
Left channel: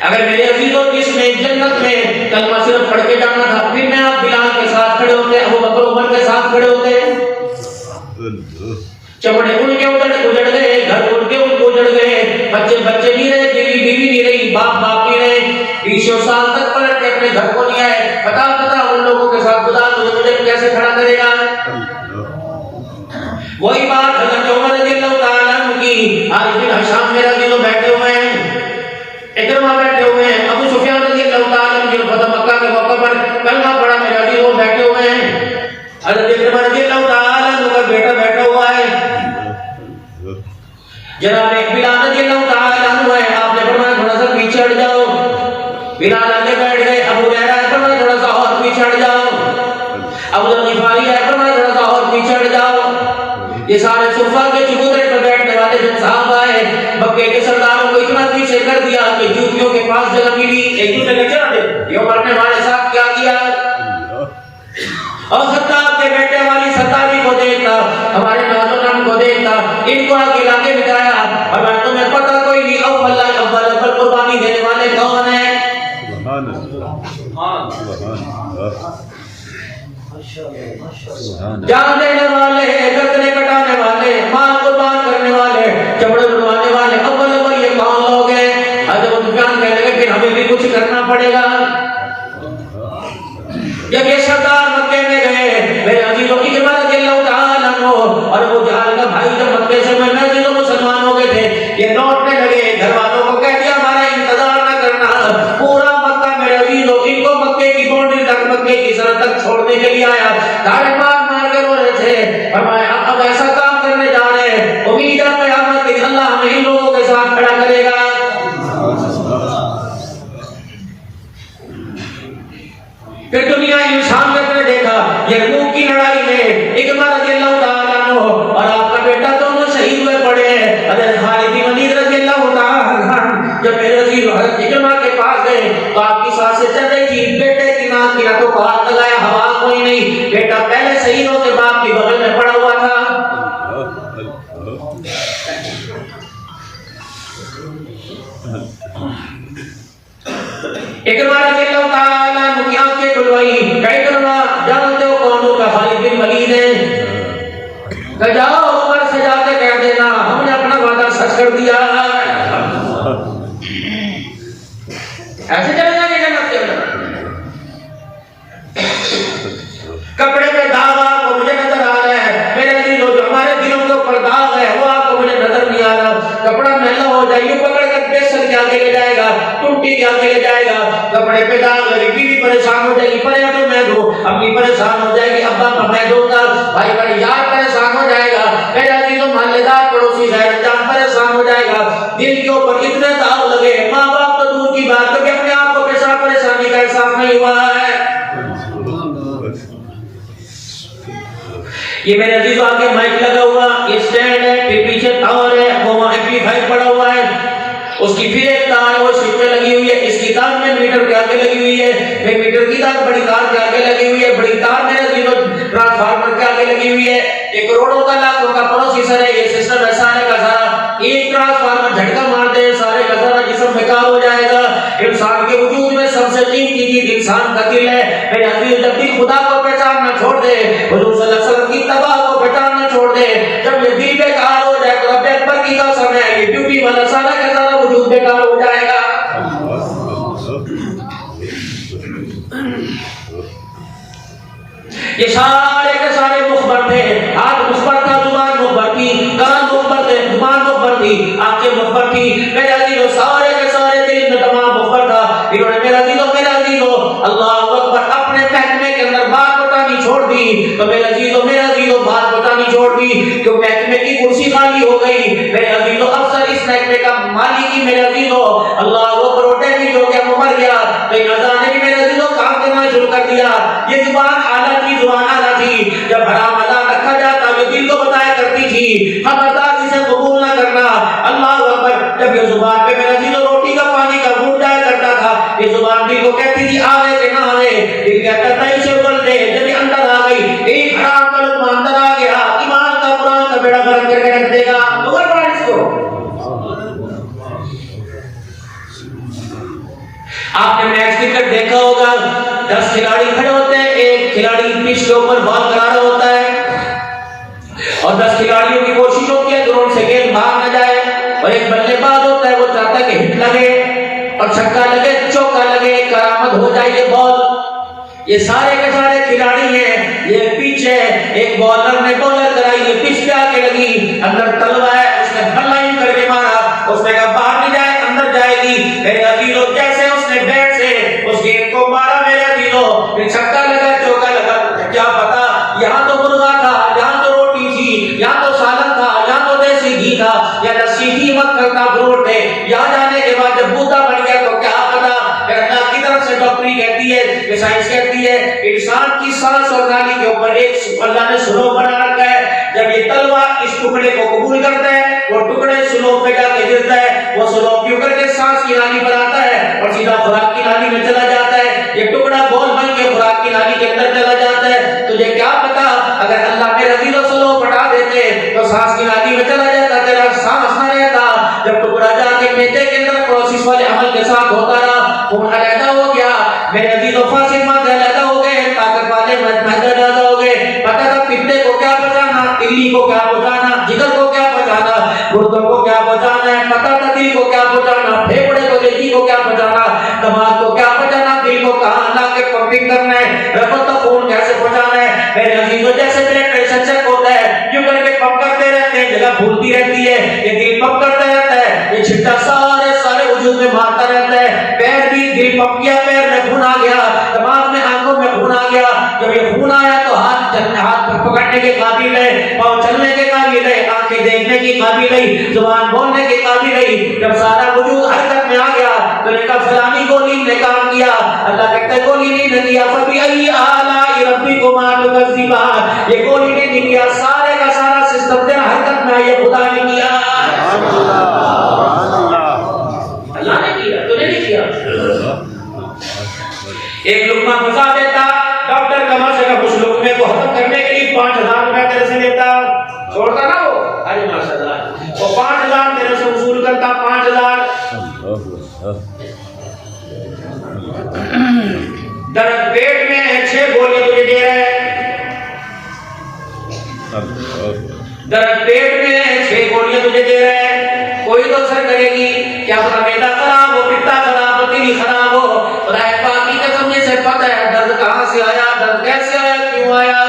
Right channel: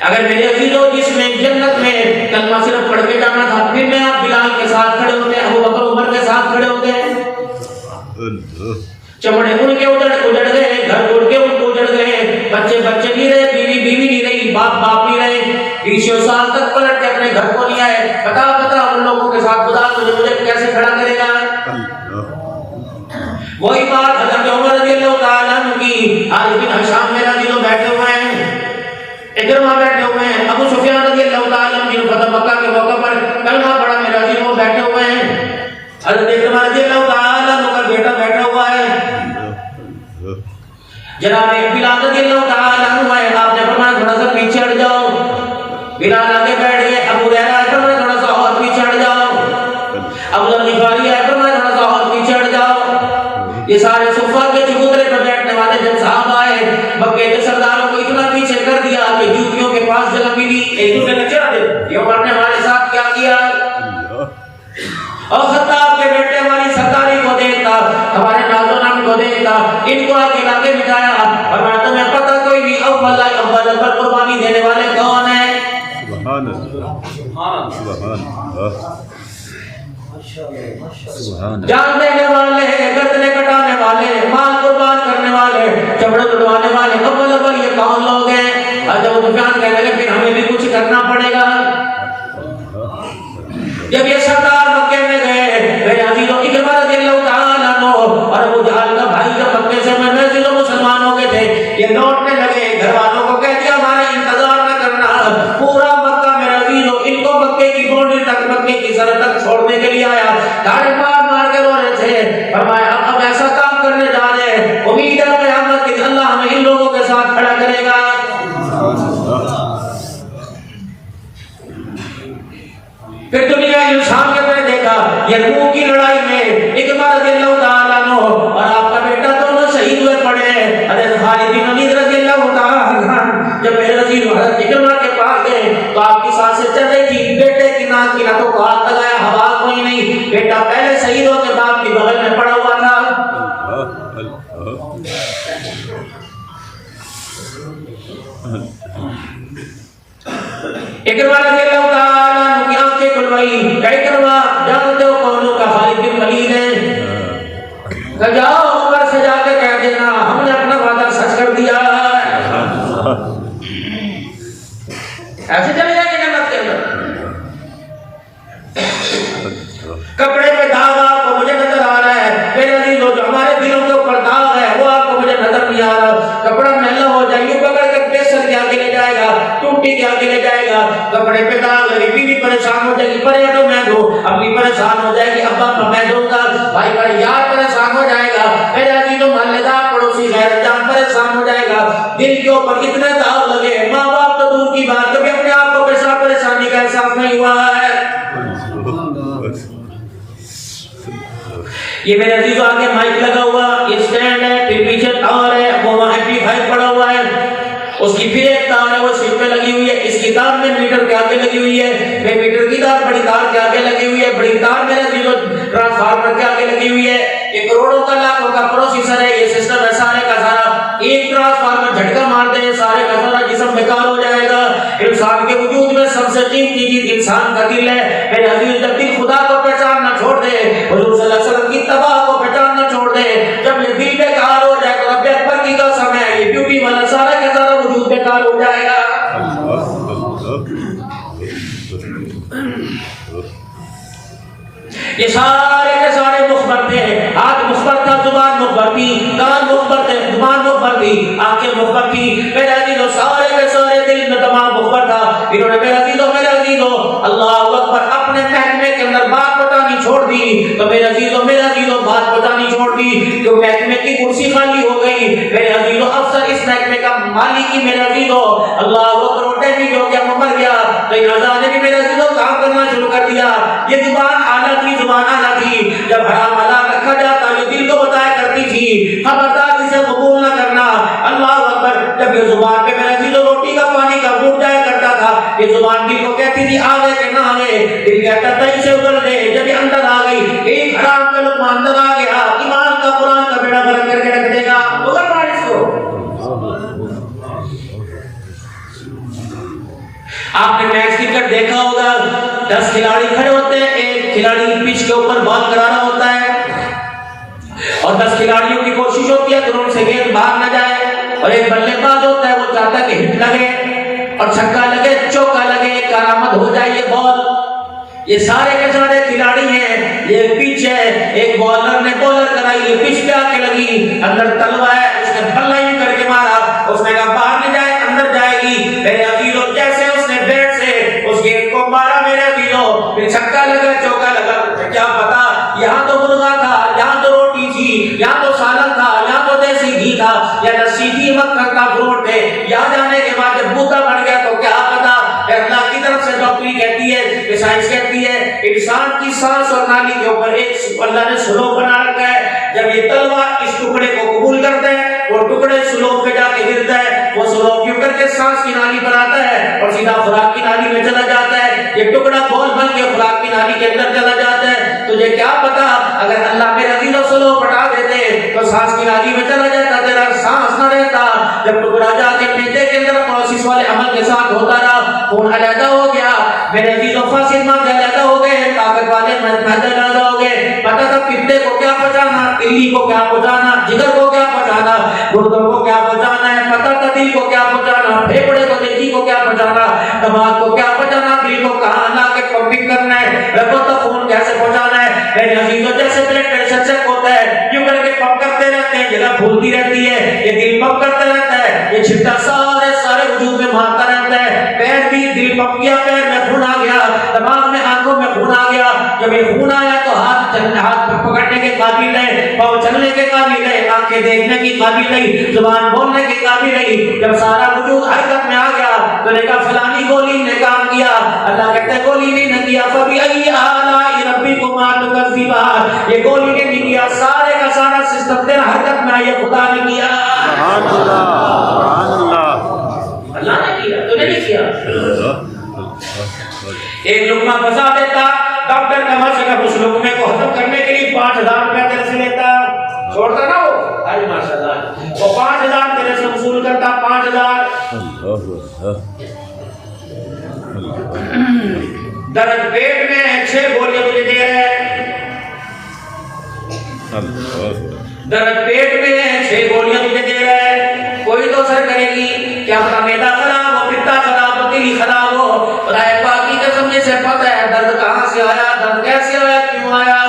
اگر میرے عزیزوں جس میں جنت میں کلمہ صرف پڑھ کے جانا تھا، پھر میں آپ بلال کے ساتھ کھڑے ہوتے، ابو بکر عمر کے ساتھ کھڑے ہوتے، چمڑے ان کے اجڑ گئے، گھر اڑ کے ان کو اجڑ گئے، بچے نہیں رہے، بیوی نہیں رہی، باپ نہیں رہے، 20 سال تک پلٹ کے اپنے گھر کو نہیں آئے۔ بتا ان لوگوں کے ساتھ خدا مجھے کیسے کھڑا کرے گا؟ وہی بات حضرت عمر رضی اللہ تعالیٰ عنہ کی، آج دن حشام میرا دنوں بیٹھے ہوئے ہیں، اکرمہ بیٹھے ہوئے ہیں، ابو سفیان رضی اللہ تعالیٰ عنہ جن فتح مکہ کے موقع پر کلمہ پڑھا میرا دن وہ بیٹھے ہوئے ہیں، حضرت اکرمہ رضی اللہ تعالیٰ عنہ کا بیٹا بیٹھا ہوا ہے، جناب بلال رضی اللہ تعالیٰ عنہ ہے، آپ نے فرمایا تھوڑا سا پیچھے ہٹ جاؤ، بلال آگے بیٹھ گئے، ابو ہریرہ فرمایا تھوڑا سا اور پیچھے ہٹ جاؤ، ابو ذر غفاری فرمایا تھوڑا سا اور پیچھے ہٹ جاؤ۔ یہ سارے صفہ کے چبوترے پر بیٹھنے والے جب صحابہ آئے، مکے کے سرداروں کو اتنا پیچھے کر دیا کہ جوتیوں کے پاس جگہ ملی، ایک دوسرے نے چڑھ دے، یہ مرنے والے صاحب کیا کیا؟ اور خطاب کے بیٹے والی ستاری کو دیکھتا، ہمارے نازونان کو دیکھتا، ان کو آگے لاگے بٹھایا، اور میں تمہیں پتہ کوئی نہیں اول پر قربانی دینے والے کون ہیں؟ جان دینے والے, گردنے کٹانے والے, مال قربان کرنے والے, چمڑے اڑوانے والے, اول یہ کون لوگ ہیں؟ ابو سفیان کہنے لگے پھر ہمیں بھی کچھ کرنا پڑے گا. جب یہ سردار مکے میں گئے, میرے عزیزوں کی عمارت رضی اللہ تعالیٰ عنہ اور ابو جہل کا بھائی جب مکے سے میں عزیزوں مسلمان ہو گئے تھے, یہ لوٹنے لگے, گھر والوں کو کہہ دیا ہمارا انتظار نہ کرنا, پورا مکہ میرے عزیزوں ان کو مکے کی باؤنڈری تک, مکے کی سرحد تک چھوڑنے کے لیے آیا, گاڑی مار مار کے رو رہے تھے. فرمایا اب ایسا کام کرنے جا رہے ہیں, امید ہے قیامت کے اللہ ہمیں ان لوگوں کے ساتھ کھڑا کرے گا. پھر دنیا انسان کے نے دیکھا یرموک کی لڑائی میں اکرمہ رضی اللہ تعالیٰ عنہ اور آپ کا بیٹا دونوں شہید ہوئے پڑے ہیں. حضرت خالد بن ولید رضی اللہ تعالیٰ عنہ جب میرے رضی حضرت اکرمہ کے پاس گئے تو آپ کی سانسیں چل رہی تھی, بیٹے کی ناک کی نتوں کو ہاتھ لگائے, ہوا کوئی نہیں, بیٹا پہلے شہید ہو کے باپ کی بغل میں پڑا ہوا تھا. اکرمہ رضی اللہ تعالیٰ عنہ کی آنکھیں کھلوائی, اکرمہ جانتے ہو کون کا خالد بن ولید ہے, کہ جاؤ عمر سے جا کے کہہ دینا ہم نے اپنا وعدہ سچ کر دیا. ایسے چلے جائیں گے جنت کے اندر. کپڑے پہ داغ آپ کو مجھے نظر آ رہا ہے, میرے عزیزوں جو ہمارے دلوں کے اوپر داغ ہے وہ آپ کو مجھے نظر نہیں آ رہا. کپڑا میلا ہو جائے, یوں پکڑ کے بیسر کے آگے لے جائے گا, ٹوٹی کے آگے لے جائے گا, کپڑے پہ داغ لگے, بیوی پریشان ہو جائے گی, پرے ہٹو میں دوں, اپنی پریشان ہو جائے گی, ابا کا میں دوں گا, بھائی کا یار پریشان ہو جائے گا, میرے عزیزوں محلے دار پڑوسی غیرت جان پریشان ہو جائے گا. دل کے اوپر اتنے داغ لگے, ماں باپ تو دور کی بات, کبھی اپنے آپ کو پریشانی کا احساس نہیں ہوا ہے. یہ میرے عزیزوں آگے مائک لگا ہوا, یہ سٹینڈ ہے, پھر پیچھے تار ہے, وہ ایمپلیفائر پڑا ہوا ہے, اس کی پھر ایک تار ہے وہ سیٹ پہ لگی ہوئی ہے, اس کی تار میں میٹر کے آگے لگی ہوئی ہے, میں میٹر کی تار بڑی تار کے آگے لگی ہوئی ہے, بڑی تار میرے عزیزوں ٹرانسفارمر کے آگے لگی ہوئی ہے. ایک کروڑوں کا لاکھوں کا پروسیسر ہے, یہ سسٹم ہے سارے کا سارا, ایک ٹرانسفارمر جھٹکا مار دے سارے کا سارا جسم بیکار ہو جائے گا. انسان کے وجود میں سب سے قیمتی چیز انسان کا دل ہے. میرے عزیز جب دل خدا کو پہچاننا چھوڑ دے, حضور صلی اللہ علیہ وسلم کی تباہ کو پہچاننا چھوڑ دے, جب یہ دل بیکار ہو جائے تو رب اکبر کی قسم ہے یہ بیوٹی والا سارا کا سارا وجود بیکار ہو جائے گا. یہ سارے کے سارے مخبر تھے, ہاتھ مخبر تھا, زبان مخبر تھی, کان مخبر تھے, زبان مخبر تھی, آنکھیں مخبر تھی, میرے عزیزوں سارے کے سارے دل میں تمام مخبر تھا. انہوں نے میرے عزیزوں اللہ اکبر اپنے محکمے کے اندر بات بتانی چھوڑ دی, تو میرے عزیزوں بات بتانی چھوڑ دی, کہ محکمے کی کرسی خالی ہو گئی. میرے عزیزوں افسر اس محکمے کا مالک ہی میرے عزیزوں اللہ اکبر ڈیمیج ہو گیا, مر گیا, تو ان رضا نے بھی میرے عزیزوں کام کرنا شروع کر دیا. یہ زبان آلہ تھی, زبان آلہ تھی, جب حرام حلال رکھا جاتا یہ دل کو بتایا کرتی تھی, خبردار اسے قبول نہ کرنا. اللہ اکبر جب یہ زبان پہ میرے عزیزوں روٹی کا پانی کا گھونٹ جایا کرتا تھا, یہ زبان دل کو کہتی تھی آوے کہ نہ آوے, دل کہتا تھا اسے ابل دے. جب یہ اندر آ گئی, ایک حرام کا لقمہ اندر آ گیا, ایمان کا قرآن کا بیڑا غرق کر کے رکھ دے گا. مگر مار اس کو. آپ نے میچ کرکٹ دیکھا ہوگا, 10 کھلاڑی کھڑے ہوتے ہیں, ایک کھلاڑی پچ کے اوپر بال کرا رہا ہوتا ہے اور 10 کھلاڑیوں کی کوشش ہوتی ہے گراؤنڈ سے گیند بھاگ نہ جائے, اور ایک بلے باز ہوتا ہے وہ چاہتا ہے کہ ہٹ لگے اور چھکا لگے, چوکا لگے, کرامت ہو جائے یہ بال. یہ سارے کے سارے کھلاڑی ہیں, یہ پچ ہے, ایک بالر نے بولر کرائی, یہ پچ پہ آ کے لگی, اندر تلوا ہے, اس نے بھلا ہی کر کے مارا, اس نے کہا باہر نہیں جائے اندر جائے گی. میرے عزیزوں جیسے اس نے بیٹ سے اس گیند کو مارا میرے عزیزوں, پھر چھکا لگا, چوکا لگا, کیا پتا یہاں تو مرغا تھا, یہاں تو روٹی تھی, یہاں تو سالن تھا, یہاں تو دیسی گھی تھا, یا لسی تھی, مکھن کا فروٹ تھے. یہاں جانے کے بعد جب بوتا بن گیا تو کیا پتا. اللہ کی طرف سے ڈاکٹری کہتی ہے, کہ سائنس کہتی ہے, انسان کی سانس اور نالی کے اوپر ایک اللہ نے سلوک بنا رکھا ہے. جب یہ تلوا اس ٹکڑے کو قبول کرتا ہے, وہ ٹکڑے سلوک پہ جا کے گرتا ہے, وہ سلوک کیوں کر کے سانس کی نالی بناتا ہے اور سیدھا خوراک کی نالی میں چلا جاتا ہے. یہ ٹکڑا بول بن کے خوراک کی نالی کے اندر چلا جاتا ہے. تجھے کیا پتا اگر اللہ میرے عزیزوں سلوک ہٹا دیتے تو سانس کی نالی میں چلا جاتا, تیرا سانس نہ رہتا. جب ٹکڑا جا کے میدے کے اندر پروسیس والے عمل کے ساتھ ہوتا رہا, خون علیحدہ ہو گیا, میرے عزیزوں فاصل مادے علیحدہ ہو گئے, طاقت والے مادے علیحدہ ہو کو کیا پہنچانا, جگر کو کیا پہنچانا, گردوں کو کیا پہنچانا ہے, قطع کو کیا پہنچانا, پھیپڑے کو جی کو کیا پہنچانا, دماغ کو کیا پہنچانا, دل کو کہاں لا کے پمپنگ کرنا ہے, رگوں تک خون کیسے پہنچانا ہے. میرے عزیزوں جیسے بلڈ پریشر چیک ہوتا ہے کیوں کر کے پمپ کرتے رہتے ہیں, جگہ پھولتی رہتی ہے, یہ دل پمپ کرتا رہتا ہے, یہ چھٹا سارے وجود میں مارتا رہتا ہے. پیر بھی دل پمپ کیا, پیر میں خون آ گیا, دماغ میں آنکھوں میں خون آ گیا, جب یہ خون آیا تو ہاتھ پکڑنے کے قابل ہے, پاؤں چلنے کے قابل ہے, آنکھیں دیکھنے کی قابل ہے, زبان بولنے کے قابل ہے. جب سارا وجود حرکت میں آ گیا تو نے کہا فلانی گولی نے کام کیا. اللہ کہتے ہیں گولی نے نہیں کیا, فبأي آلاء ربكما تكذبان, یہ گولی نے نہیں کیا, سارے کا سارا سسٹم تیرا حرکت میں آیا, خدا نے کیا, اللہ نے کیا, تو نے نہیں کیا. ایک لقمہ پھنسا دیتا, ڈاکٹر کا مشورہ اس لقمے کو ہضم کرنے کے لیے 5000 روپے تیرے سے لیتا, چھوڑتا نا وہ, ارے ماشاءاللہ, وہ 5000 تیرے سے وصول کرتا, 5000. درد پیٹ میں ہے, 6 گولیاں تجھے دے رہا ہے, درد پیٹ میں ہے, 6 گولیاں تجھے دے رہا ہے, کوئی تو اثر کرے گی, کیا پتا میدا خراب ہو, پتا خراب ہو, دل خراب ہو, رائے پاکی قسم سے پتہ ہے درد کہاں سے آیا, درد کیسے آیا, کیوں آیا.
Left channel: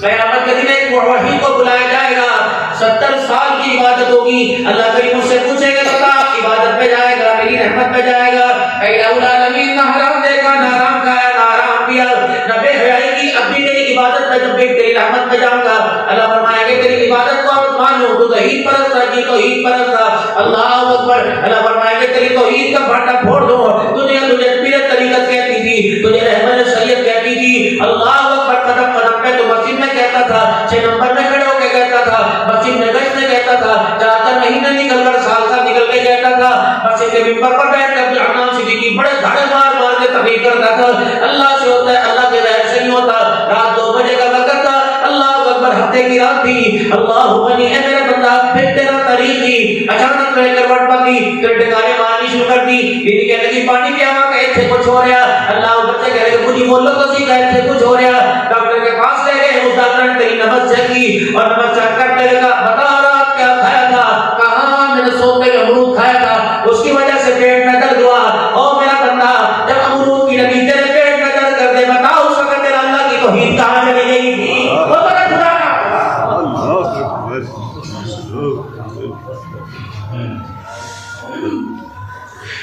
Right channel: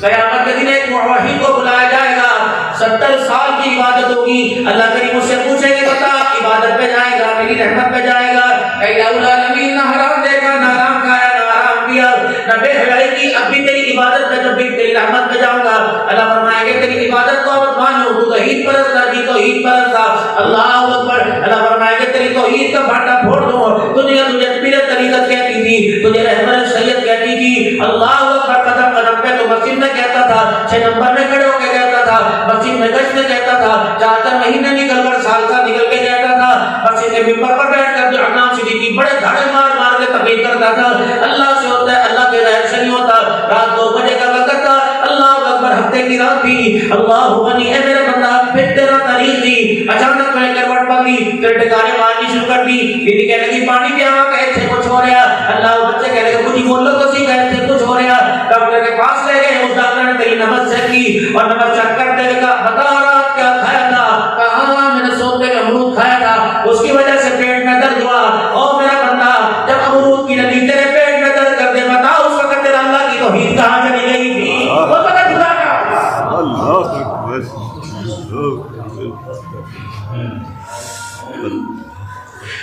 قیامت کے دن ایک موحد کو بلایا جائے گا, 70 سال کی عبادت ہوگی, اللہ کریم اس سے پوچھیں گے بتا عبادت پہ جائے گا, میری رحمت پہ جائے گا, اے العالمین نہ حرام دیکھا, نہ حرام کھایا, نہ حرام پیا, نہ بے حیائی کی, اب بھی تیری عبادت پہ, جب بھی تیری رحمت پہ جاؤں گا, اللہ فرمائے گا تیری عبادت کو اور مانو, تو توحید پرست تھا, جی توحید پرست تھا, اللہ اکبر. اللہ فرمائے گا تیری توحید کا بھاٹا پھوڑ دوں, دنیا تجھے پیر طریقت کہتی تھی, تجھے احمد سید کہتی تھی, اللہ اکبر. قدم قدم پہ تو مسجد میں کہتا تھا, 6 نمبر میں کھڑے ہو کے کہتا تھا, مسجد میں گشت میں کہتا تھا, 4 مہینے نکل کر سال سال نکل کے جاتا تھا, مسجد کے ممبر پر بیٹھ کر جو امام صدیقی بڑے دھاڑے مار مار کے تقریر کرتا تھا, اللہ سے ہوتا ہے, اللہ کے غیر سے نہیں ہوتا. رات 2 بجے کا وقت تھا, اللہ اکبر, ہفتے کی رات تھی, اللہ غنی ہے میرے بندہ, پھر تیرا تاریخ تھی, اچانک میں کروٹ پکی, پھر ٹکانے مارنی شروع کر دی, بیوی کہنے لگی پانی پیا ہوا, کہ تھے کچھ ہو رہا, اللہ بچے کہہ رہے کہ مجھے بولو تو سی, کہتے تھے کچھ ہو رہا. ڈاکٹر کے پاس لے گئے, اس ڈاکٹر نے تیری نبض چیک کی, اور نبض چیک کرنے لگا, بتا رات کیا کھایا تھا, کہاں میں نے سوتے میں امرود کھایا تھا, اس کی وجہ سے پیٹ میں درد ہوا. او میرا بندہ, جب امرود کی نبی تیرے پیٹ میں درد کر دے, بتا اس وقت تیرا اللہ کی توحید کہاں چلی گئی تھی, وہ تو نے خدا کا.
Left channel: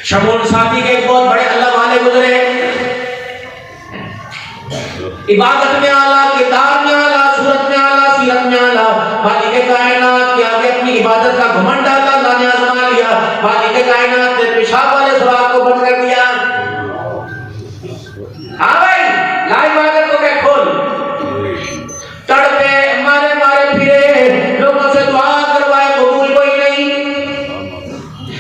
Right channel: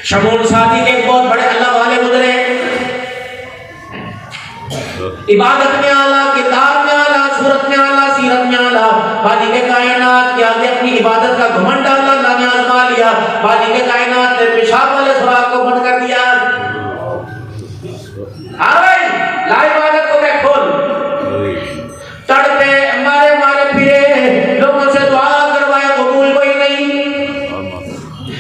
شمول ساتھی کے بہت بڑے اللہ والے گزرے, عبادت میں اعلیٰ, کتاب میں اعلیٰ, صورت میں اعلیٰ, سیرت میں اعلیٰ, خالق کائنات کے آگے اپنی عبادت کا گھمنڈ ڈالا, اللہ نے آزما لیا, خالق کائنات نے پیشاب والے سراغ کو بند کر دیا. ہاں بھائی, لا عبادت کو کہ کھول, تڑپے مارے مارے پھرے, لوگوں سے دعا کروائے, قبول کوئی نہیں.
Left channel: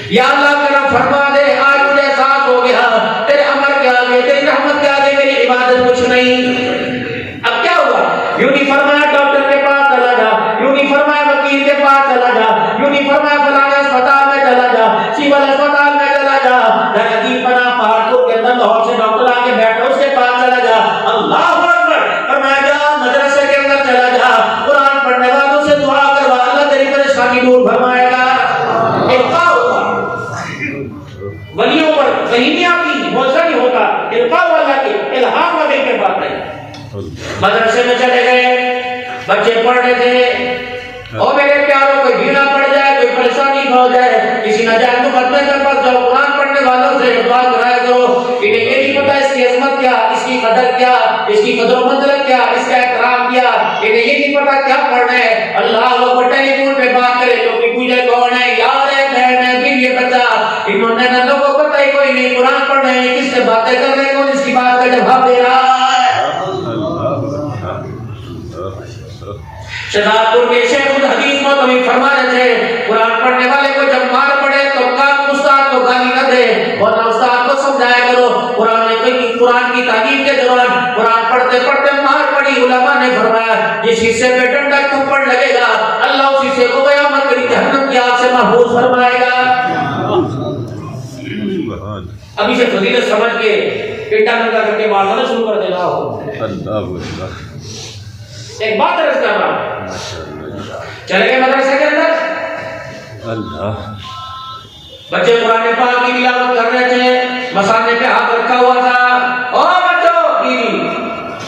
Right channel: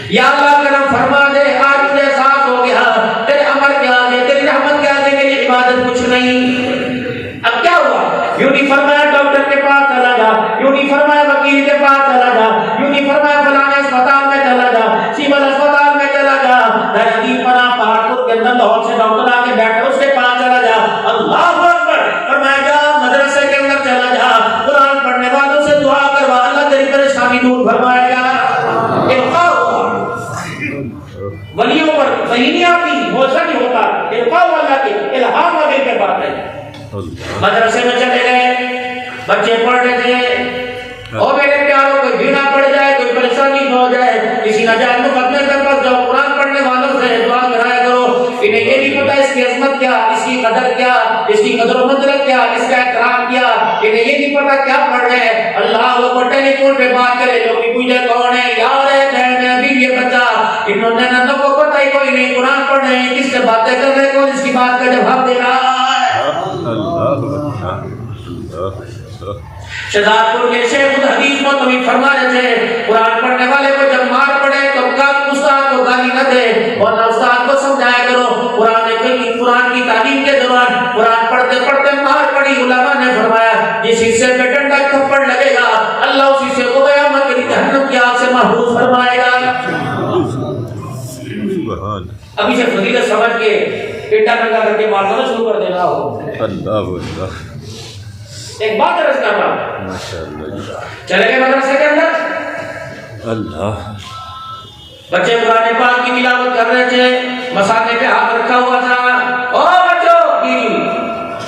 یا اللہ کرم فرما دے, آج مجھے احساس ہو گیا تیرے امر کے آگے, تیری رحمت کے آگے میری عبادت کچھ نہیں. اب کیا ہوا, یوں نہیں فرمایا ڈاکٹر کے پاس چلا جا, یوں نہیں فرمایا وکیل کے پاس چلا جا, یوں نہیں فرمایا فلانے اسپتال میں چلا جا, سول اسپتال میں چلا جا, درحقیق پناہ پہاڑپور کے اندر لاہور سے ڈاکٹر آ کے بیٹھا, اس کے پاس چلا جا, اللہ اکبر, فرمایا جا مدرسے کے اندر چلا جا, قرآن پڑھنے والوں سے دعا کروا, اللہ تیری پریشانی دور فرمائے گا. القاء ولیوں پر وہی نہیں آتی, موزہ نہیں ہوتا, القاء اللہ کے الہام وغیرہ کے بات ہے. مدرسے میں چلے گئے, بچے پڑھ رہے تھے, اور میرے پیاروں کوئی بھیڑا پڑ جائے, کوئی پریشانی ہو جائے, کسی ناجائز مقدمے کے پاس جاؤ, قرآن پڑھنے والوں سے دعا کرایا کرو. انہیں یہ نہیں پتا اس کی عظمت کیا, اس کی قدر کیا, اس کی قدر و منزلت کیا, اس کا احترام کیا, انہیں یہ نہیں پتا کیا پڑھ رہے ہیں. اللہ وہ ٹیلی فون پہ بات کرے, لوگ پوچھے کون ہے, یار ہے, بہن ہے, بیوی ہے, بچہ, انہوں نے نہ کو پتہ ہی کوئی نہیں, قرآن پڑھ رہے ہیں, کس سے باتیں کر رہے ہیں, کون اس کی بات کا جواب دے رہا ہے. شہزادپور کے شیخ الحدیث محتمم فرما رہے تھے, قرآن پڑھنے والے کو جب مار پڑے تو استاد کو گالی نہ دے, اور نہ استاد کو سمجھایا کرو. قرآن کی تعلیم کے دوران قرآن پڑھتے پڑھتے مار پڑی, علماء نے فرمایا جس حصے پہ ڈنڈا تھپڑ لگے گا, اللہ اس حصے کو قیامت کی جہنم کی آگ سے محفوظ فرمائے گا. ابھی سے فضیلت سمجھ کے پیٹا ننگا کر کے مارنا شروع کر دینا ہو. ایک بات عرض کر رہا ہوں, چلے گئے مدرسے کے اندر, اللہ بچے قرآن پاک کی تلاوت کر رہے تھے, مسانے پہ ہاتھ رکھا ہوا تھا, او بچوں کی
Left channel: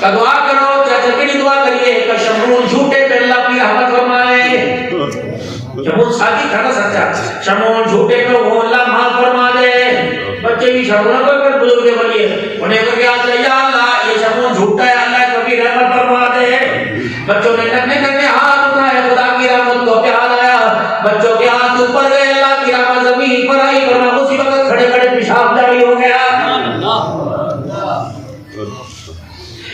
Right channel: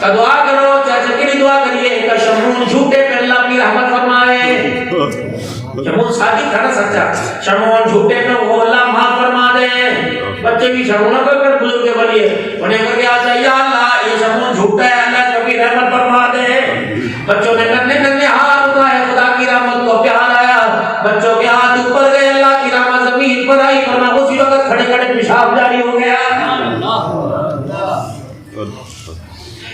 کا دعا کرو, چاچا کی دعا کریے کہ شمعون جھوٹے پہ اللہ اپنی رحمت فرمائے. شمعون صادق تھا نا سچا, شمعون جھوٹے پہ وہ اللہ معاف فرما دے. بچے بھی شمعون کو کر بزرگ بنیے, انہیں کہا کہ آتا یا اللہ یہ شمعون جھوٹا ہے, اللہ کو بھی رحمت فرما دے. بچوں نے کرنے ہاتھ اٹھائے, خدا کی رحمت کو پیار آیا, بچوں کے ہاتھ اوپر گئے, اللہ کی رحمت زمین پر آئی, ورنہ اسی وقت کھڑے کھڑے پیشاب جاری ہو گیا.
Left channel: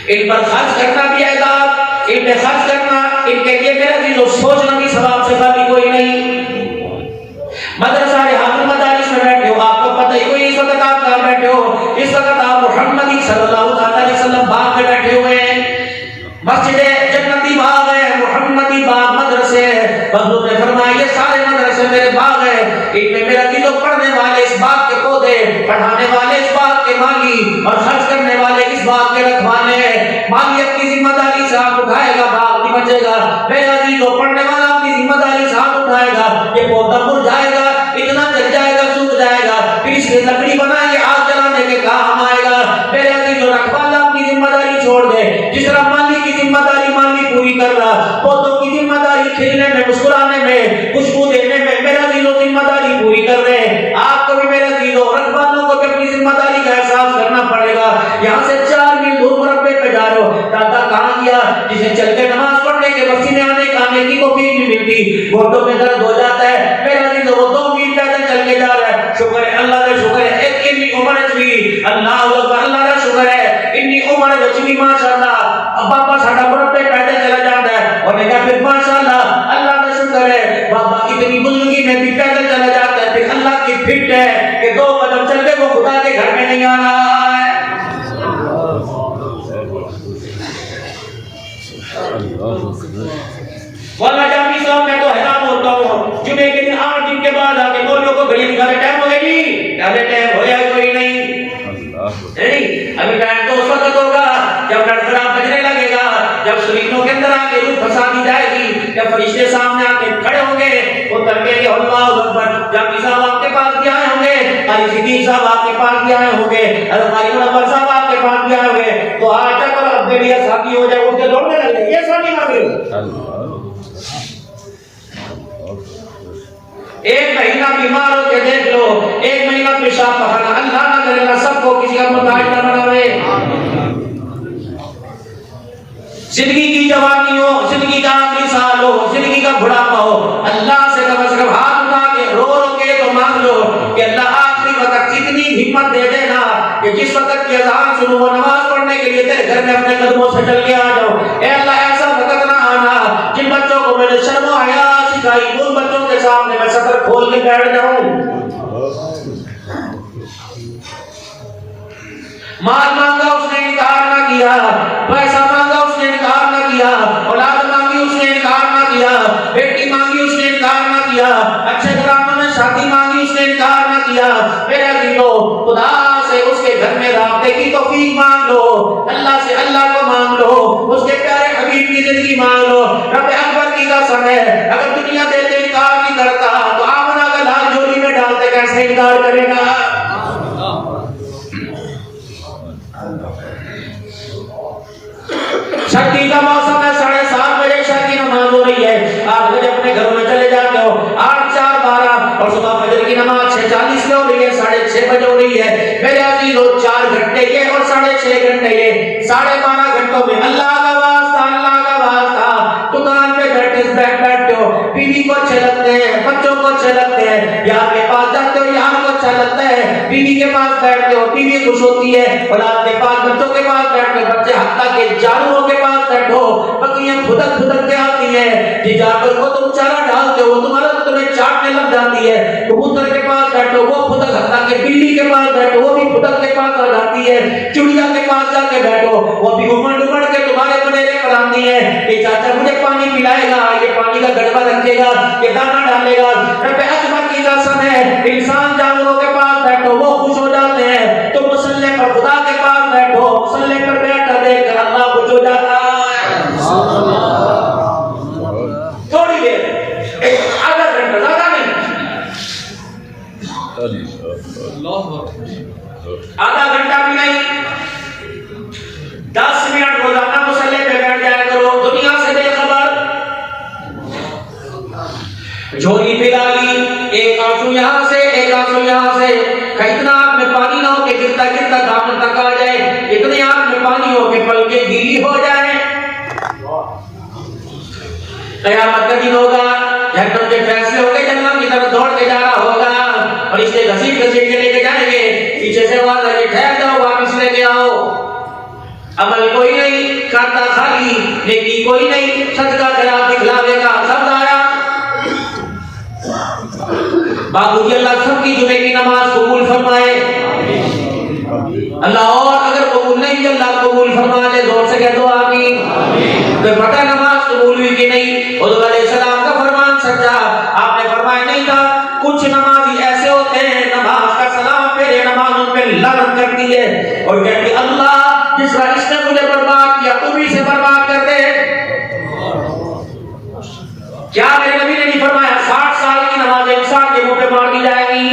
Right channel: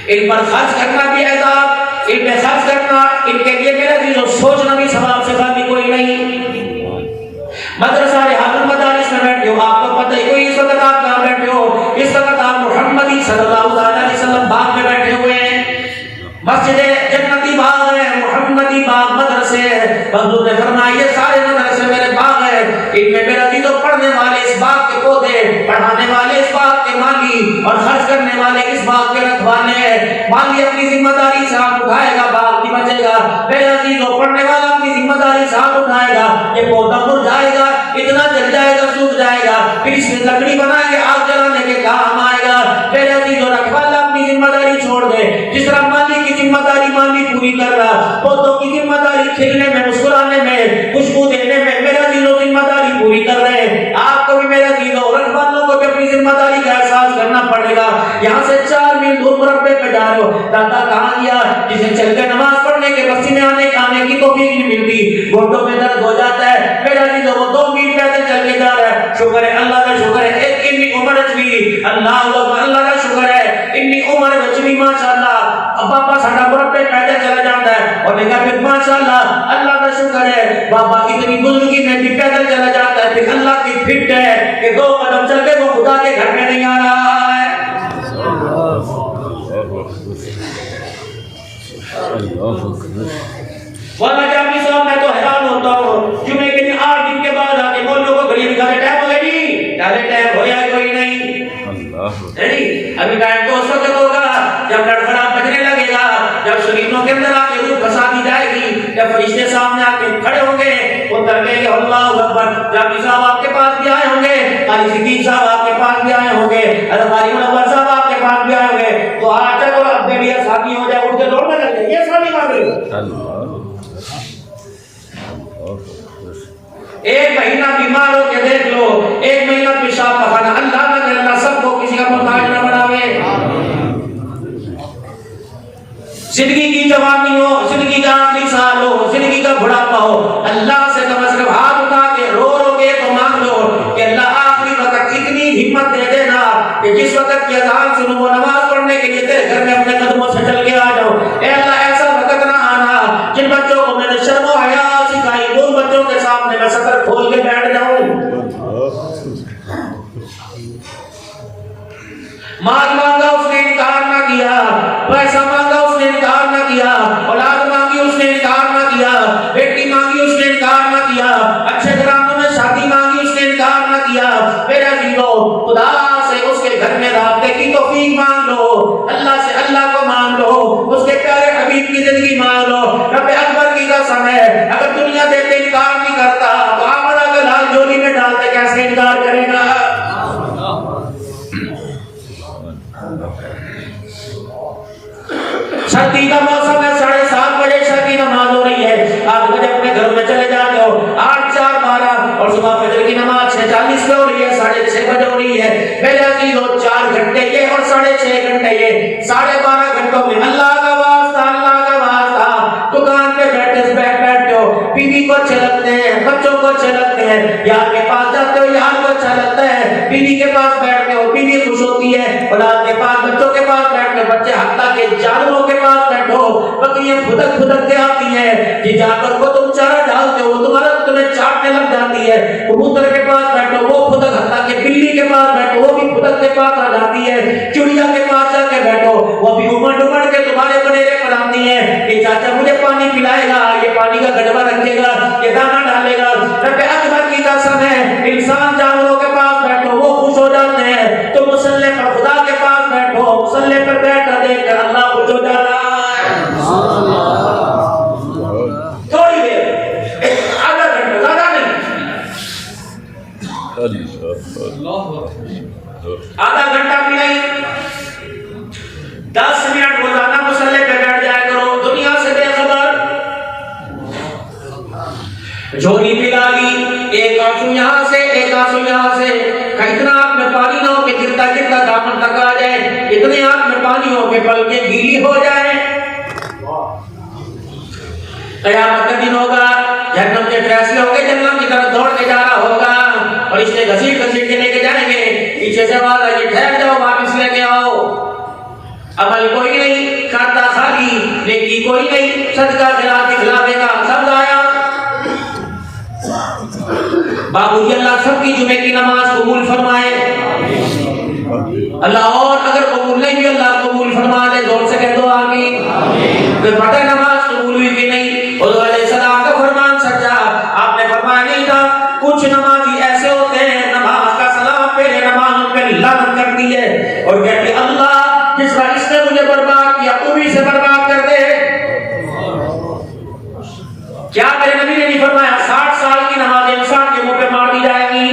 ان پر خرچ کرنا بھی عذاب, ان پہ خرچ کرنا, ان کے لیے میرا چیزوں سوچنا بھی ثواب سے خالی کوئی نہیں. مدرسہ رحال المدارس میں بیٹھے ہو, آپ کو پتہ ہے کوئی اس وقت آپ کہاں بیٹھے ہو, اس وقت آپ محمدی صلی اللہ علیہ وسلم باغ میں بیٹھے ہوئے ہیں. مسجد جنتی باغ ہے, محمدی باغ مدرسے ہے. حضور نے فرمایا یہ سارے مدرسے میرے باغ ہیں, ان میں میرا چیزوں پڑھنے والے اس باغ کے پودے, پڑھانے والے اس باغ کے مالی, اور خرچ کرنے والے اس باغ کے رکھوانے ہیں. مالی اپنی ذمہ داری سے ہاتھ اٹھائے گا, باغ نہیں بچے گا. میرے عزیزوں پڑھنے والا اپنی ذمہ داری سے ہاتھ اٹھائے گا, یہ پودا مرجھائے گا, اتنا جل جائے گا, سوکھ جائے گا, پھر اس میں لکڑی بنائیں گے, آگ جلانے کے کام آئے گا. میرے عزیزوں رکھوالا اپنی ذمہ داری چھوڑ دے, جس طرح مالی کی ذمہ داری مالی پوری کر رہا, پودوں کی ذمہ داری کھلنے میں, مسکرانے میں, خوشبو دینے میں, میرے عزیزوں ذمہ داری پوری کر رہے. آپ کو بھی میرے عزیزوں رکھوالوں کو بھی اپنی ذمہ داری کا احساس کرنا پڑے گا. یہاں سے 4 میل دور مربے پہ جا رہے ہو, دادا کہاں گیا, جسے چل کے نماز پڑھنے کے پسینے آنے کھانے کی توفیق نہیں ملتی, گھٹنوں میں درد ہو جاتا ہے. میرے عزیزوں وہ 2 میل پیدل چل کے جا رہا ہے, شکر ہے اللہ کا شکر ہے, ایک اتنی عمر بھی, اللہ اللہ کا شکر ہے, اتنی عمر بھی ماشاءاللہ. بابا ساڈا مربے پیدل چلا جاتا ہے, اور نے کہا پھر ماشاءاللہ اللہ کا شکر ہے, بابا اتنی بزرگی میں بھی پیدل چلا جاتا ہے, پھر اللہ کی فٹ ہے کہ 2 قدم چل کے وہ خدا کے گھر میں نہیں آ رہا ہے. واللہ جامی صاحب میں تو حیران ہوتا ہوں, جمعے کے دن 8 دن کے بعد آ کے مولویوں کو گھڑی نکالے, ٹائم ہو گیا جی, پہلے ٹائم ہویا ہے کوئی نہیں, نہیں ابھی ٹائم تو اس وقت ہوگا جب ڈڑخڑا بجنے لگے گا, جب شریفوں کے اندر آ کے روح پھنسا دی جائے گی, جب فرشتے سامنے آ کے کھڑے ہوں گے, وہ ترکے کہ اللہ اکبر. جامی صاحب آپ کے پاس بھی آئے ہوں گے, قاری صدیق صاحب آپ کے پاس بھی آئے ہوں گے, قاری منور صاحب آپ کے پاس بھی آئے ہوں گے, تو آج تک اور اب میری ساتھی ہو جائے, اٹھ کے دوڑنے لگ جائے, یہ ساتھی مانگ رہے ہو. ایک مہینہ بیمار ہو کے دیکھ لو, ایک مہینہ پیشاب پخانا, اللہ نہ کرے اللہ سب کو کسی کا محتاج نہ بناوے. زندگی کی جوانی ہو, زندگی کا آخری سال ہو, زندگی کا بڑھاپا ہو, اللہ سے کم ہاتھ اٹھا کے رو کے تو مانگ لو کہ اللہ آخری وقت اتنی ہمت دے دینا کہ جس وقت کی اذان سنو, نماز پڑھنے کے لیے تیرے گھر میں اپنے قدموں سے چل کے آ جاؤ. اے اللہ ایسا وقت نہ آنا جن بچوں کو میں نے شرم و حیا سکھائی, ان بچوں کے سامنے میں سطر کھول کے بیٹھ جاؤں. مال مانگا اس نے انکار نہ کیا, پیسہ مانگا اس نے انکار نہ کیا, اولاد مانگی اس نے انکار نہ کیا, بیٹی مانگی اس نے انکار نہ کیا, اچھے گھرانے میں شادی مانگی اس نے انکار نہ کیا. میرے عزیزو خدا سے اس کے گھر میں رابطے کی توفیق مانگ لو, اللہ سے اللہ کو مانگ لو, اس کے پیارے حبیب کی زندگی مانگ لو. رب اکبر کی قسم ہے, اگر دنیا دیتے انکار نہیں کرتا تو آمنہ کا لال جولی میں ڈالتے کیسے انکار کرے گا. سردی کا موسم ہے, 7:30 بجے شادی نماز ہو رہی ہے, آپ بجے اپنے گھر میں چلے جاتے ہو, 8 4 12, اور صبح فجر کی نماز 6:40 پہ ہو رہی ہے, 6:30 بجے ہو رہی ہے. میرے عزیزو 4 گھنٹے یہ اور 6.5 گھنٹے یہ, 12.5 گھنٹوں میں اللہ کا واسطہ, اللہ کا واسطہ, دکان پہ بیٹھتے ہو, بیوی کو اچھے لگتے ہیں, بچوں کو اچھے لگتے ہیں, یار کے پاس جاتے ہو, یار کو اچھا لگتا ہے, بیوی کے پاس بیٹھتے ہو, بیوی خوش ہوتی ہے, اولاد کے پاس, بچوں کے پاس بیٹھتے ہو, بچے حتیٰ کہ جانوروں کے پاس بیٹھو, بکریاں پھدک کے آتی ہیں, یہ جانور کو تم چارہ ڈالتے ہو, تمہیں چاٹنے لگ جاتی ہے, کبوتر کے پاس بیٹھو, وہ پھدک, حتیٰ کہ بلی کے پاس بیٹھو, وہ بھی پھدک کے پاس آ جاتی ہے, چڑیا کے پاس جا کے بیٹھو, وہ بھی امڑ کے تمہارے بنیرے پر آتی ہیں کہ چاچا مجھے پانی پلائے گا, یہ پانی کا گڑبا رکھے گا, یہ دانا ڈالے گا. رب اکبر کی قسم ہے, انسان جانوروں کے پاس بیٹھو, وہ خوش ہو جاتے ہیں, تو مسلح پر خدا کے پاس بیٹھو, مسلح پر بیٹھ کر دیکھ کر اللہ خوش ہو جاتا ہے. تھوڑی دیر آدھا گھنٹہ بھی نہیں، 10 منٹ روزانہ مصلی پہ بیٹھ جایا کرو، دنیا سے بے خبر۔ جھولی پلا لی، ایک آنسو یہاں سے ایک آنسو یہاں سے، اتنا آنکھ میں پانی نہ ہو کہ گرتا گرتا دامن تک آ جائے، اتنے آنکھ میں پانی ہو کہ پلکیں گیلی ہو جائیں۔ قیامت کا دن ہوگا، جہنم کے فیصلے ہو گئے، جہنم کی طرف دوڑ کے جانا ہوگا، فرشتے گھسیٹ گھسیٹ کے لے کے جائیں گے، پیچھے سے آواز آئے گی ٹھہر جاؤ واپس لے کے آؤ۔ عمل کوئی نہیں، کھاتا خالی، نیکی کوئی نہیں، صدقہ خیرات دکھلا دے گا، سب ضائع۔ بابو جی اللہ سب کی جمعے کی نماز قبول فرمائے اللہ، اور اگر قبول نہیں بھی اللہ قبول فرما دے، زور سے کہہ دو آمین۔ بے پتہ نماز قبول ہوئی کہ نہیں، حضور علیہ السلام کا فرمان سچا، آپ نے فرمایا نہیں تھا کچھ نمازی ایسے ہوتے ہیں نماز کا سلام پھیرے، نماز ان پہ لعنت کرتی ہے اور کہتی اللہ جس طرح اس نے مجھے برباد کیا تو بھی اسے برباد کر دے۔ کیا میرے نبی نے نہیں فرمایا 60 سال کی نماز انسان کے منہ پہ مار دی جائے گی؟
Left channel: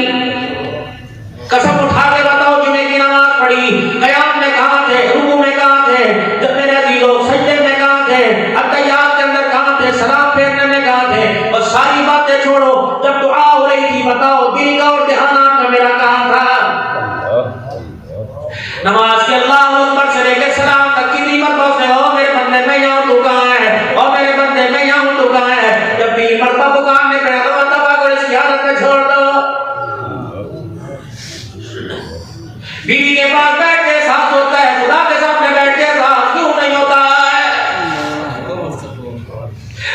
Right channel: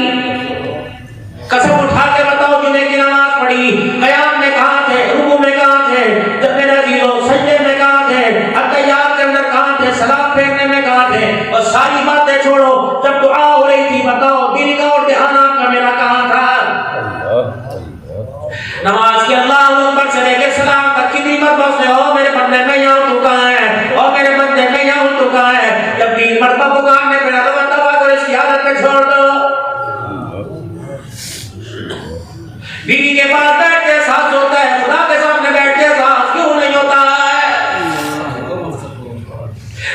قسم اٹھا کے بتاؤ جمعے کی نماز پڑھی، قیام میں کہاں تھے، رکوع میں کہاں تھے، جب میرے عزیزوں سجدے میں کہاں تھے، اتحیات کے اندر کہاں تھے، سلام پھیرنے میں کہاں تھے، اور ساری باتیں چھوڑو جب دعا ہو رہی تھی بتاؤ دل کا اور دھیان آپ کا میرا کہاں تھا؟ نماز کے اللہ اکبر سے لے کے سلام تک کتنی مرتبہ سے او میرے بندے میں یہاں تو کہاں ہے، او میرے بندے میں یہاں تو کہاں ہے، جب 3 مرتبہ پکارنے پہ تو بندہ کو اس کی حالت میں چھوڑ دو۔ بیوی کے پاس بیٹھ کے احساس ہوتا ہے، خدا کے سامنے بیٹھ کے احساس کیوں نہیں ہوتا ہے؟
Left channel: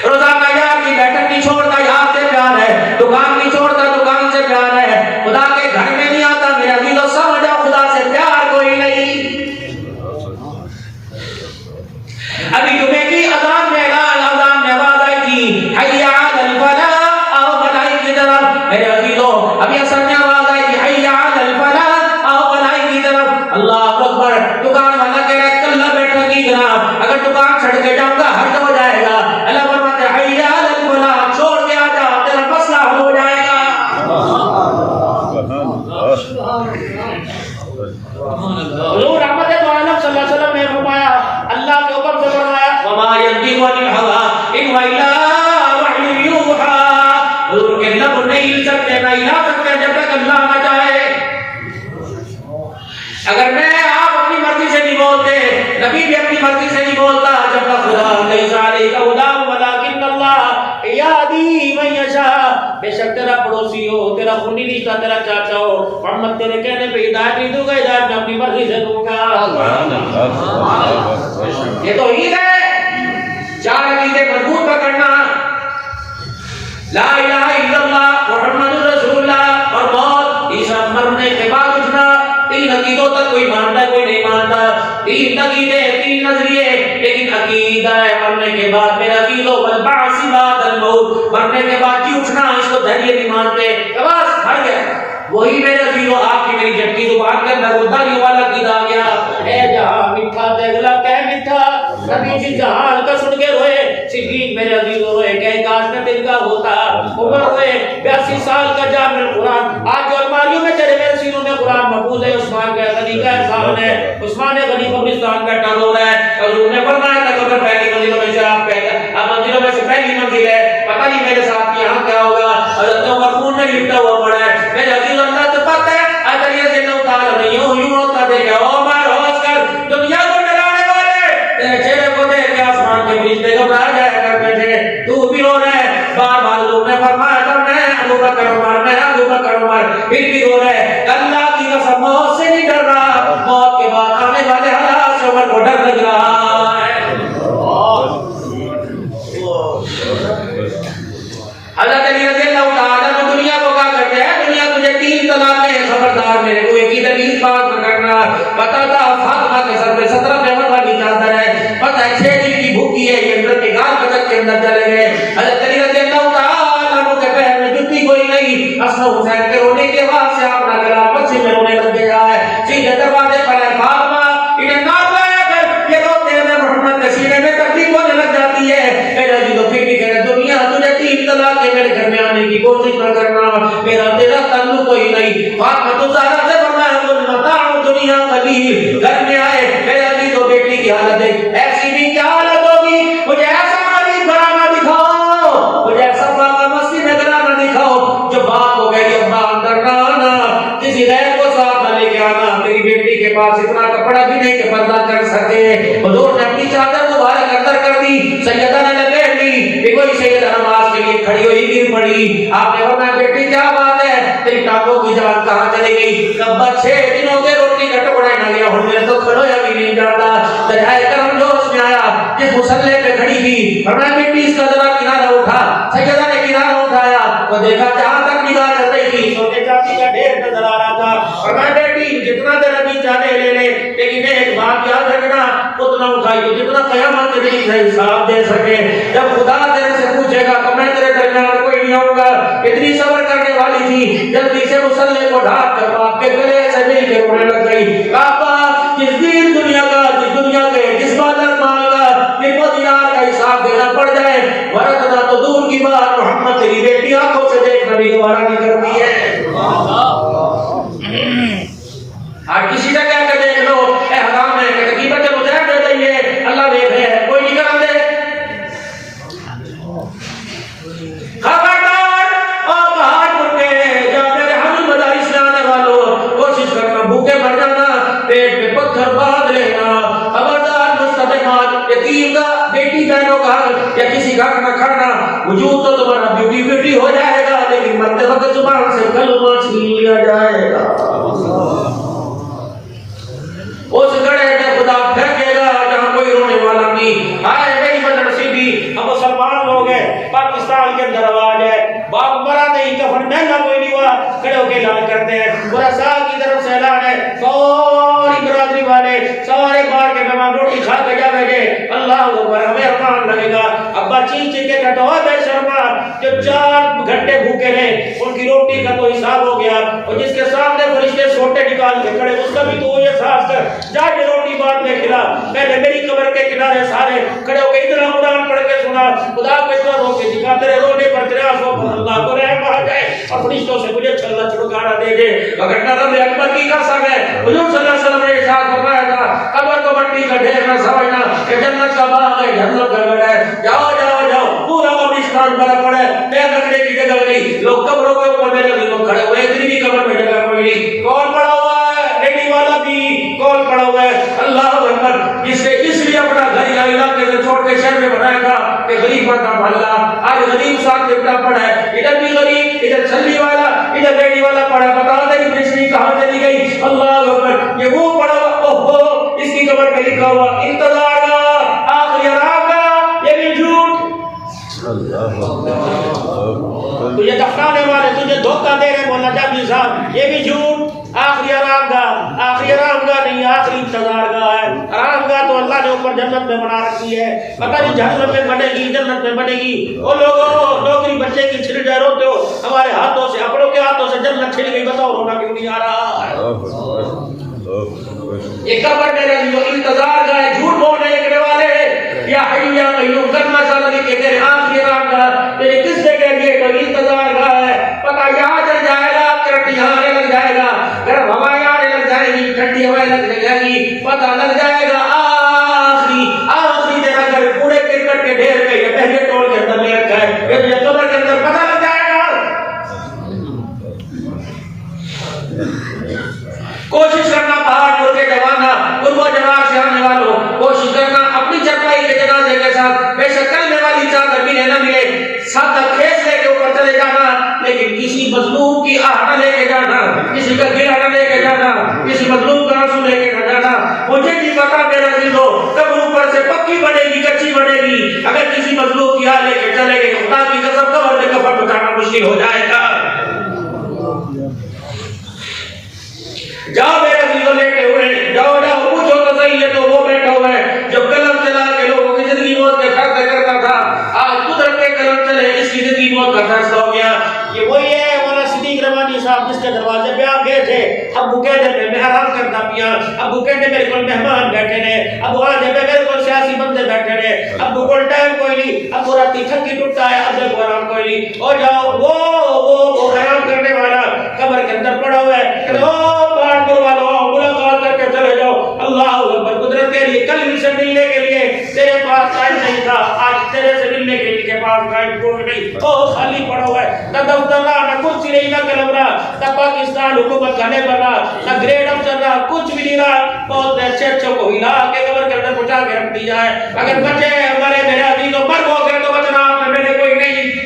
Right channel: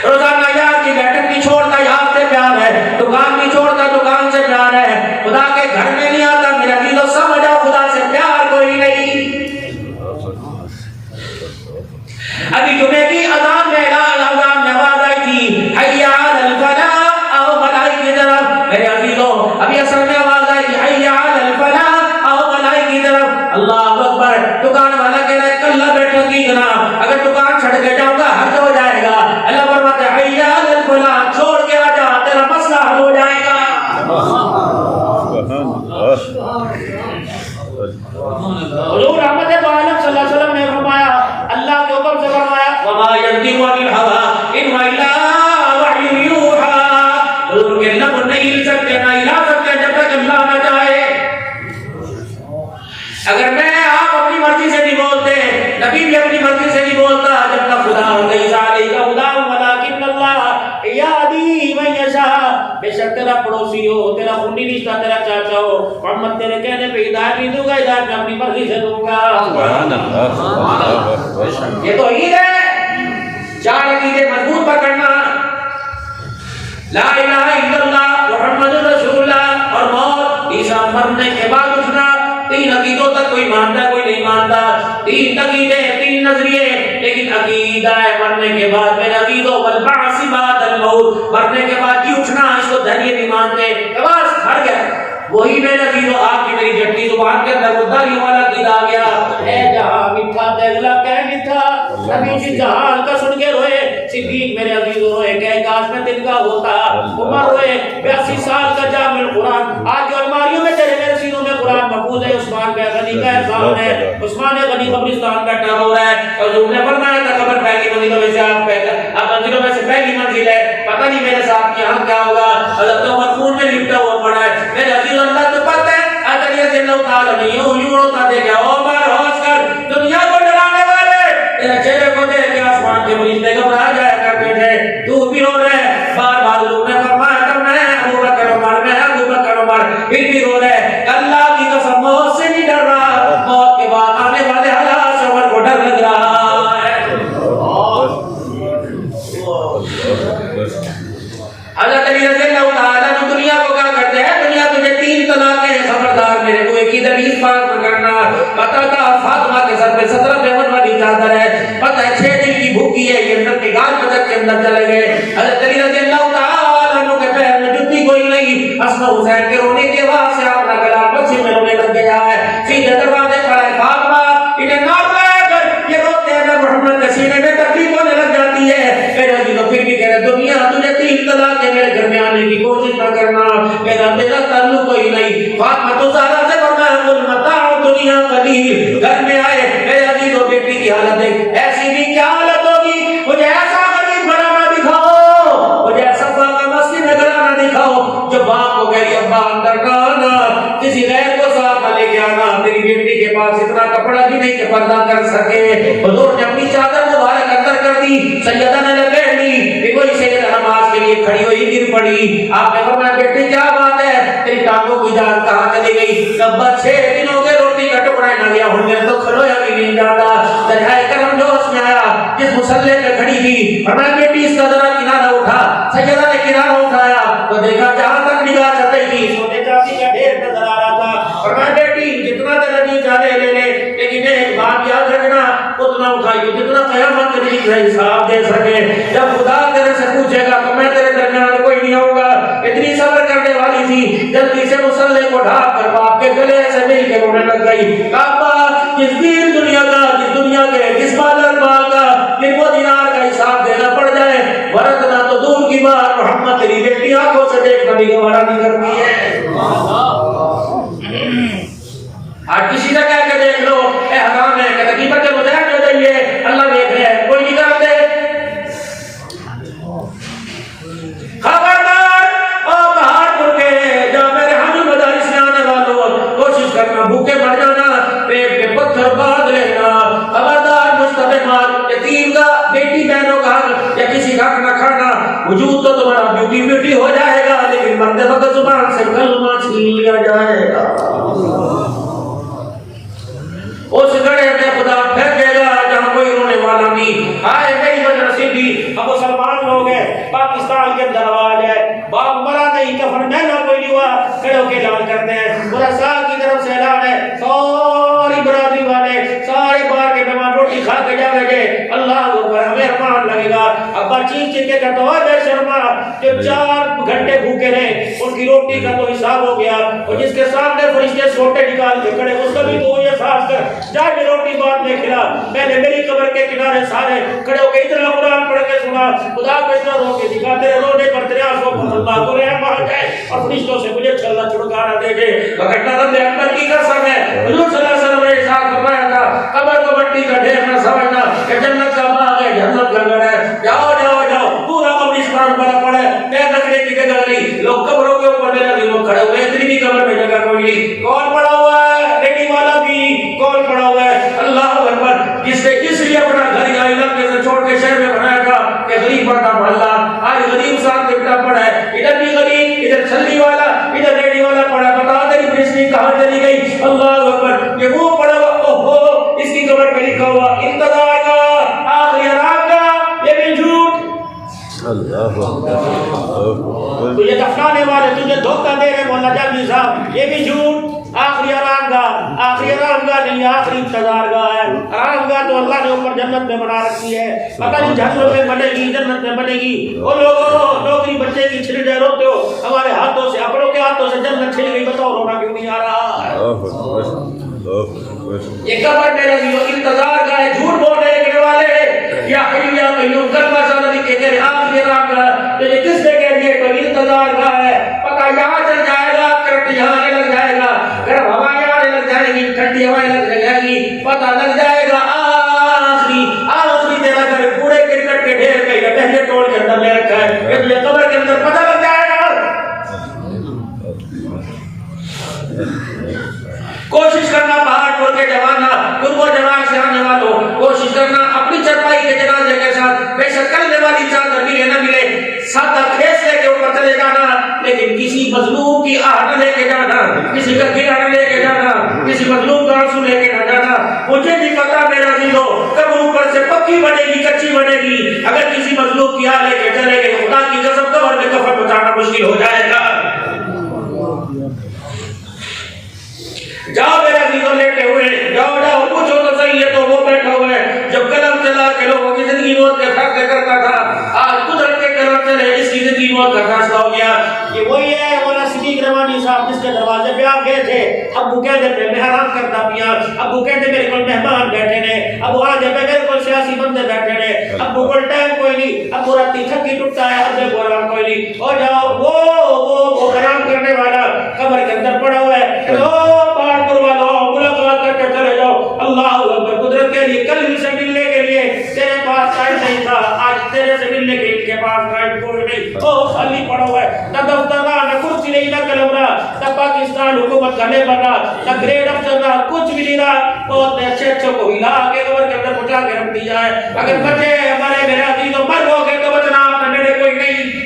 روزانہ یار کی بیٹھک نہیں چھوڑتا، یہاں سے پیار ہے، دکان نہیں چھوڑتا، دکان سے پیار ہے، خدا کے گھر میں نہیں آتا، میرا دل تو سمجھ جاؤ خدا سے پیار کوئی نہیں۔ ابھی جمعے کی اذان میں آواز آئی تھی حی علی الفلاح، آؤ بھلائی کی طرف، میرے عزیزوں ابھی اثر میں آواز آئی تھی حی علی الفلاح، آؤ بھلائی کی طرف، اللہ اکبر۔ دکان والا کہہ رہا ہے کلّا بیٹھا کی جناب، اگر دکان چھڑ کے جاؤں گا حد ہو جائے گا، اللہ فرماتے ہیں حی علی الفلاح، چھوڑ کے آ جا تیرا مسئلہ حل ہو جائے گا۔ حضور رحمت دو عالم صلی اللہ علیہ وسلم نے فرمایا، اللہ کے حکم سے فرمایا وما ينطق عن الهوى ان هو الا وحی یوحى، حضور کے لب نہیں ہل سکتے نہ ہلا سکتے جب تک اللہ نہ چاہے۔ اگر میں آپ اپنی مرضی سے نہیں بولتے، نبی بھی اپنی مرضی سے نہیں بولتا، جب تک خدا نہیں ذالک ہداہم ولکن اللہ یہدی من یشاء، بے شک تیرا پڑوسی ہو، تیرا خونی رشتہ، تیرا چاچا ہو، محمد تیرے کہنے پہ ہدایت نہیں دوں گا، ہدایت میں اپنی مرضی سے دوں گا۔ یہ تو عید ہے، 4 عقیدے مضبوط پکڑنا، لا الہ الا اللہ محمد رسول اللہ اور موت، عیسیٰ مرنے کے بعد اٹھنا۔ 3 عقیدوں تک کوئی مانتا ہے کوئی نہیں مانتا، 3 عقیدے 3 نظریے، لیکن عقیدہ ہے مرنے کے بعد میرے عقیدوں والبعث بعد الموت، مرنے کے بعد جی اٹھنا، اس کو دھیرے نہیں مانتے، بس مر گیا۔ وہی میرے عزیزوں آپ کی میری جھٹی زبان کے اندر وہ داری والا عقیدہ آ گیا، اے جہاں میٹھا دیگلا کہ میٹھا، نبی جی جہان کا سن کے روئے، صدیق میرے عزیزوں روئے، کہ کاش میں دل کا ہوتا، عمر روئے، 82 سال کا جامع القرآن، آج جو الماریوں میں تیرے میرے سینوں میں قرآن محفوظ ہے، عثمان کا غنی کا احسان ہے، عثمان غنی قبرستان کا ٹر ہو رہا ہے، حضور نے فرمایا تھا قبر پہلی منزلوں میں سے آپ پہلے، اب منزلوں میں سے پہلی منزل ہے، پتہ نہیں میرے ساتھ یہاں کیا ہوگا، حضرت عمر خون میں لپٹا ہوا پڑا ہے، میرے عزیز اللہ تو پتہ ہے، اگر یہ جنہ اتارا نہیں یوں ہوتا دیکھا، عمر ہوش کر دنیا کو ڈرانے والے، تیرے چہرے کو دیکھ کے آسمان کے فرشتے گھبرا جایا کرتے تھے، تو بھی رو رہے، بار بار حضور نے فرمایا تھا میں ابو بکر عمر، میں ابو بکر عمر، پھر بھی رو رہے، اللہ کی قسم موت سے نہیں ڈر رہا، موت کے بعد آنے والے حالات سے عمر کو ڈر لگ رہا ہے۔ حضرت علی رضی اللہ تعالیٰ عنہ دنیا کو کیا کرتے ہیں، دنیا تجھے 3 طلاقیں ہیں، خبردار میرے کوئی کی دلیل پاک نہ کرنا، پتہ تھا فاطمہ کے سر پہ 17 پیمن والی چادر ہے، پتہ ہے 6 دن کی بھوکی ہے، یہ اندر کے گال بچت کے اندر چلے گئے، حضرت علی رضی اللہ تعالیٰ عنہ کے پیر میں جوتی کوئی نہیں، حسن حسین کے رونے کے بعد سے آپ کا گلا پچھے میں رونے لگ گیا ہے، سیدھے دروازے پر ہے فاطمہ، انہیں ناز لگا کر یہ روتے ہیں، میں محمد کے سینے میں تکلیف ہونے لگ جاتی ہے، میرے عزیزوں پھر بھی کہہ رہے دنیا تجھے 3 طلاق کے میرے گھر میں آنے کی کوشش نہ کرنا، میرا تیرا تعلق کوئی نہیں، فاطمہ تو وکیل گھر میں آئے، میرے عزیز و بیٹی کی حالت ہے ایسی بھی کیا حالت ہوگی؟ مجھے ایسا غریب گھرانہ دکھاؤ، مجھے ایسا فاقہ مسجد میں گھرانہ دکھاؤ جو باپ کو کہہ رہی ابا اندر نہ آنا، کسی غیر کو ساتھ نہ لے کے آنا، تیری بیٹی کے پاس اتنا کپڑا بھی نہیں کہ پردہ کر سکے۔ حضور نے اپنی چادر مبارک اندر کر دی، سیدہ نے لپیٹ لی کہ کوئی سیدہ نماز کے لیے کھڑی ہوئی گر پڑی۔ آپ نے فرمایا بیٹی کیا بات ہے، تیری ٹانگوں کی جان کہاں چلی گئی؟ ابا 6 دن ہو گئے روٹی کا ٹکڑا نہ لیا، ہوں میں تو کھلویا بھی نہیں جاتا۔ دکھائے کرم جوش میں آیا جس مسلح پہ کھڑی تھی، فرمایا بیٹی اس کا ذرا کنارہ اٹھا۔ سیدہ نے کنارہ اٹھایا تو دیکھا جہاں تک نگاہ چل رہی تھی سونے چاندی کا ڈھیر نظر آ رہا تھا۔ فرمایا بیٹی جتنا تیرا جی چاہے لے لے، لیکن ایک بات یاد رکھنا اتنا اٹھائی تو جتنا قیامت کے دن کا حساب دے سکے۔ جب خدا تیرے سے پوچھے گا تو میں تیرے درمیان کوئی نہیں آؤں گا۔ اتنی صبر کرنے والی تھی، جلدی سے مسلح کو ڈھانپ کر باپ کے گلے سے مل کے رونے لگ گئی۔ ابا جس دین دنیا کا، جس دنیا کے، جس مال مال کا، جن کو دینار کا حساب دینا پڑ جائے، ورنہ تو دور کی بات محمد تیری بیٹی آنکھوں سے دیکھ کر دوبارہ نہیں کرتی ہے۔ آج کسی سے کہہ کے دیکھ لو اے حرام ہے کہ قیمت مجھے دے دیں گے، اللہ دیکھ رہے ہیں، کوئی نکال دے۔ خبردار اور بہادر کے جہاں میرے حامی مدارس میں آنے والوں، کوشش کرنا بھوکے مر جانا، پیٹ پہ پتھر باندھ لینا۔ خبردار مستحق یتیم کا، بیٹی بہنوں کا یا کسی کا نہ کھانا، وجود تو تمہارا بیوٹی بیوٹی ہو جائے گا لیکن مرتے وقت زبان سے کلمہ چھین لیا جائے گا۔ اس گڑھے میں خدا پھینکے گا جہاں کوئی رونے والا نہیں۔ ہائے میری بدنصیبی، ہم مسلمان لوگ ہیں، پاکستان کے اندر آواز ہے باپ مرا نہیں، کفن مہنگا کوئی نہیں ہوا، کھڑے ہو کے اعلان کرتے ہیں، برسا کی طرف سے اعلان ہے، ساری برادری والے، سارے بار کے مہمان روٹی کھا کے جا بیٹھے، اللہ اکبر، ہمیں ارمان لگے گا۔ ابا چیخ چیخ کے کہتا ہے بے شرما، جو 4 گھنٹے بھوکے رہے ان کی روٹی کا تو حساب ہو گیا، اور جس کے سامنے فرشتے سوٹے نکال کے کھڑے اس کا بھی تو یہ احساس کر، جا کے روٹی بعد میں کھلا، پہلے میری قبر کے کنارے سارے کھڑے ہو کے اتنا قرآن پڑھ کے سنا، خدا کو اتنا رو کے دکھا، تیرے رونے پر تیرے آنسوں پر اللہ کو رحم آ جائے اور فرشتوں سے مجھے اللہ چھڑکانا دے دے۔ وگرنہ رب اکبر کی قسم ہے، حضور صلی اللہ علیہ وسلم نے ارشاد فرمایا تھا قبر کو مٹی کا ڈھیر نہ سمجھنا، کہ جنت کا باغ ہے، جنت کا گھر ہے، جاؤ جاؤ جاؤ، پورا قبرستان بھرا پڑا ہے، پیر رکھنے کی جگہ نہیں، لوگ قبروں کے اوپر لگے لوگ کھڑے ہوئے، اتنی بھی قبر میں جگہ کوئی نہیں، کون پڑا ہوا ہے؟ ریڈی والا بھی کون پڑا ہوا ہے؟ اللہ اکبر، جس نے اس لیے اپنا گھر یا علاقے سے چھوڑ کے شہر میں بنایا تھا کہ غریب پڑھتا پڑھلا، آج غریب ساتھ دیکھتا پڑھا ہے، ادھر بھی غریب، ادھر چھلی والا، ادھر ریڈی والا پڑھا، بتا دے پریشنی کہاں چلی گئی؟ اللہ اکبر، یہ وہ پڑھا ہوا، اوہو اس کی قبر پہ لکھا ہوا انتظار کا آخری آرام کا، یہ بھی جھوٹ۔ تجھے دفنانے والے تجھے دھوکہ دے رہے مولانا جامی صاحب، یہ بھی جھوٹ۔ آخری آرام گاہ، آخری آرام گاہ نہیں، آخری انتظار گاہ ہے۔ آرام گاہ تو اللہ نے اوپر جنت میں بنا رکھی ہے، پتہ نہیں جہنم میں بنے گی جنت میں بنے گی۔ وہ لوگوں نوکری بچے کی چھن جائے روتے ہو، ہمارے ہاتھوں سے، اپنوں کے ہاتھوں سے جنت چھن گئی، بتاؤ رونا کیوں نہیں آ رہا ہے؟ یہ قبر میرے دلوں انتظار گاہ ہے، جھوٹ بولنے کے والے یا حی یا قیوم کلمہ سالہ کے تیرے آخری آرام گاہ تیرے کس سے کہہ دیے کوئی انتظار گاہ ہے، پتہ یہاں چل جائے گا، کرٹ یہاں لگ جائے گا، گرم ہوائیں آنے لگ جائے گی، ٹھنڈی ہوائیں لگ جائے گی، پتہ لگ جائے گا آخری تیرا گھر کوڑے کرکٹ کے ڈھیر پہ یا پہلے ٹول کے اندر لے رکھا ہے، یہ تجھے قبر کے اندر پتہ لگ جائے گا۔ کوشش کرنا بہادر کے جوانہ، قرب و جوان سے آنے والوں، کوشش کرنا اپنی چرپائی کے جنازے کے ساتھ بے شک کرنے والی چادر ملے نہ ملے، سادہ کھیس لے کے اوپر چلے جانا، لیکن کسی مظلوم کی آہ نہ لے کے جانا، کسی کا گلہ نہ لے کے جانا، کسی مظلوم کا آنسو لے کے نہ جانا۔ مجھے نہیں پتا میرا عزیزو کب اوپر سے پکی بنے گی کچی بنے گی، اگر کسی مظلوم کی آہ لے کے چلے گئے خدا کی قسم قبر میں کفن بچانا مشکل ہو جائے گا۔ جاؤ میرے عزیزو لیٹے ہوئے، جاؤ جاؤ پوچھو تو صحیح ہے تو وہ بیٹھا ہوا ہے جو قلم چلا کے لوگوں کی زندگی موت کے فیصلے کرتا تھا، آج قدرت کے قلم چلے اس کی زندگی موت کا فیصلہ ہو گیا۔ یہ وہی ہے مولانا صدیق رحمانی صاحب جس کے دروازے پہ آپ گئے تھے، ابو کہتے تھے میں آرام کرتا پیا، ابو کہتے میرے کو مہمان بیٹھے نے، ابو آج میرے کو سیاسی بندے بیٹھے نے، ابو کو ٹائم کوئی نہیں، ابو راتی تھکی ٹوٹتا ہے، اب کو آرام کوئی نہیں، اور جاؤ وہ آرام کرنے والا قبر کے اندر پڑا ہوا ہے، پاٹ کروا دو، ملاقات کر کے چلے جاؤ، سے ملنے کے لیے تیرے پاس ٹائم نہیں تھا، آج تیرے سے ملنے کے ان کے پاس ٹائم کوئی نہیں، او خالی پڑا ہوا ہے، نہ دفتر رہا، نہ کرسی نہیں، نہ قلم رہا، نہ پاکستان حکومت کھانے پر رہا، نہ گریڈ افسر رہا، کچھ بھی نہیں رہا، بہت اچھے اچھوں کو ہلا کے قبر کے اندر پہنچا کے رکھ دیا ہے۔ اگر بچے ہمارے میرے عزیزوں مر ہو گئے تو بچنا آپ نے میرے کوئی نہیں۔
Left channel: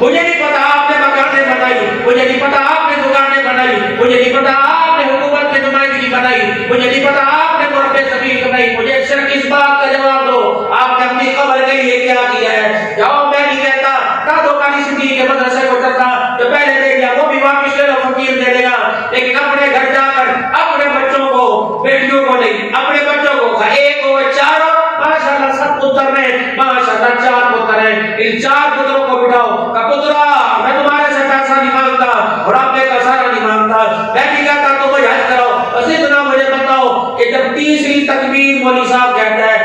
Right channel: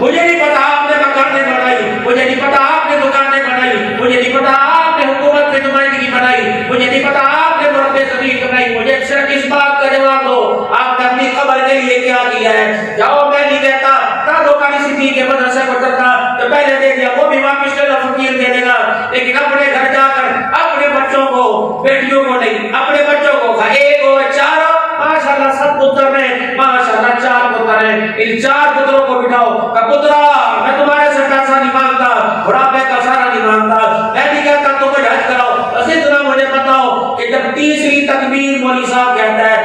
مجھے نہیں پتا آپ نے مکانیں بنائی، مجھے نہیں پتا آپ نے دکانیں بنائی، مجھے نہیں پتا آپ نے حکومت کی نمائندگی بنائی، مجھے نہیں پتا آپ نے مرتے زمین بنائی، مجھے صرف اس بات کا جواب دو آپ نے اپنی قبر کے لیے کیا کیا ہے؟ جاؤ، میں نہیں کہتا دادو کاری صدیق کے مدرسے کو چلتا تو پہلے دے دیا، وہ بھی واپس لے لو، فقیر دے دے گا، لیکن اپنے گھر جا کر اپنے بچوں کو، بیٹیوں کو نہیں، اپنے بچوں کو کھا، ایک اور چار ماشاءاللہ 7 پتر ہیں، ماشاءاللہ 4 پتر ہیں، ان 4 پتروں کو بٹھاؤ کہ پترا میں تمہارے سے پیسہ نہیں مانگتا اور آپ میں کا سارا نہیں مانگتا، میں نہیں کہتا تو مجھے حج کراؤ، بس اتنا مجھے بتاؤ کہ جب تیسری تکبیر مولوی صاحب کہتا ہے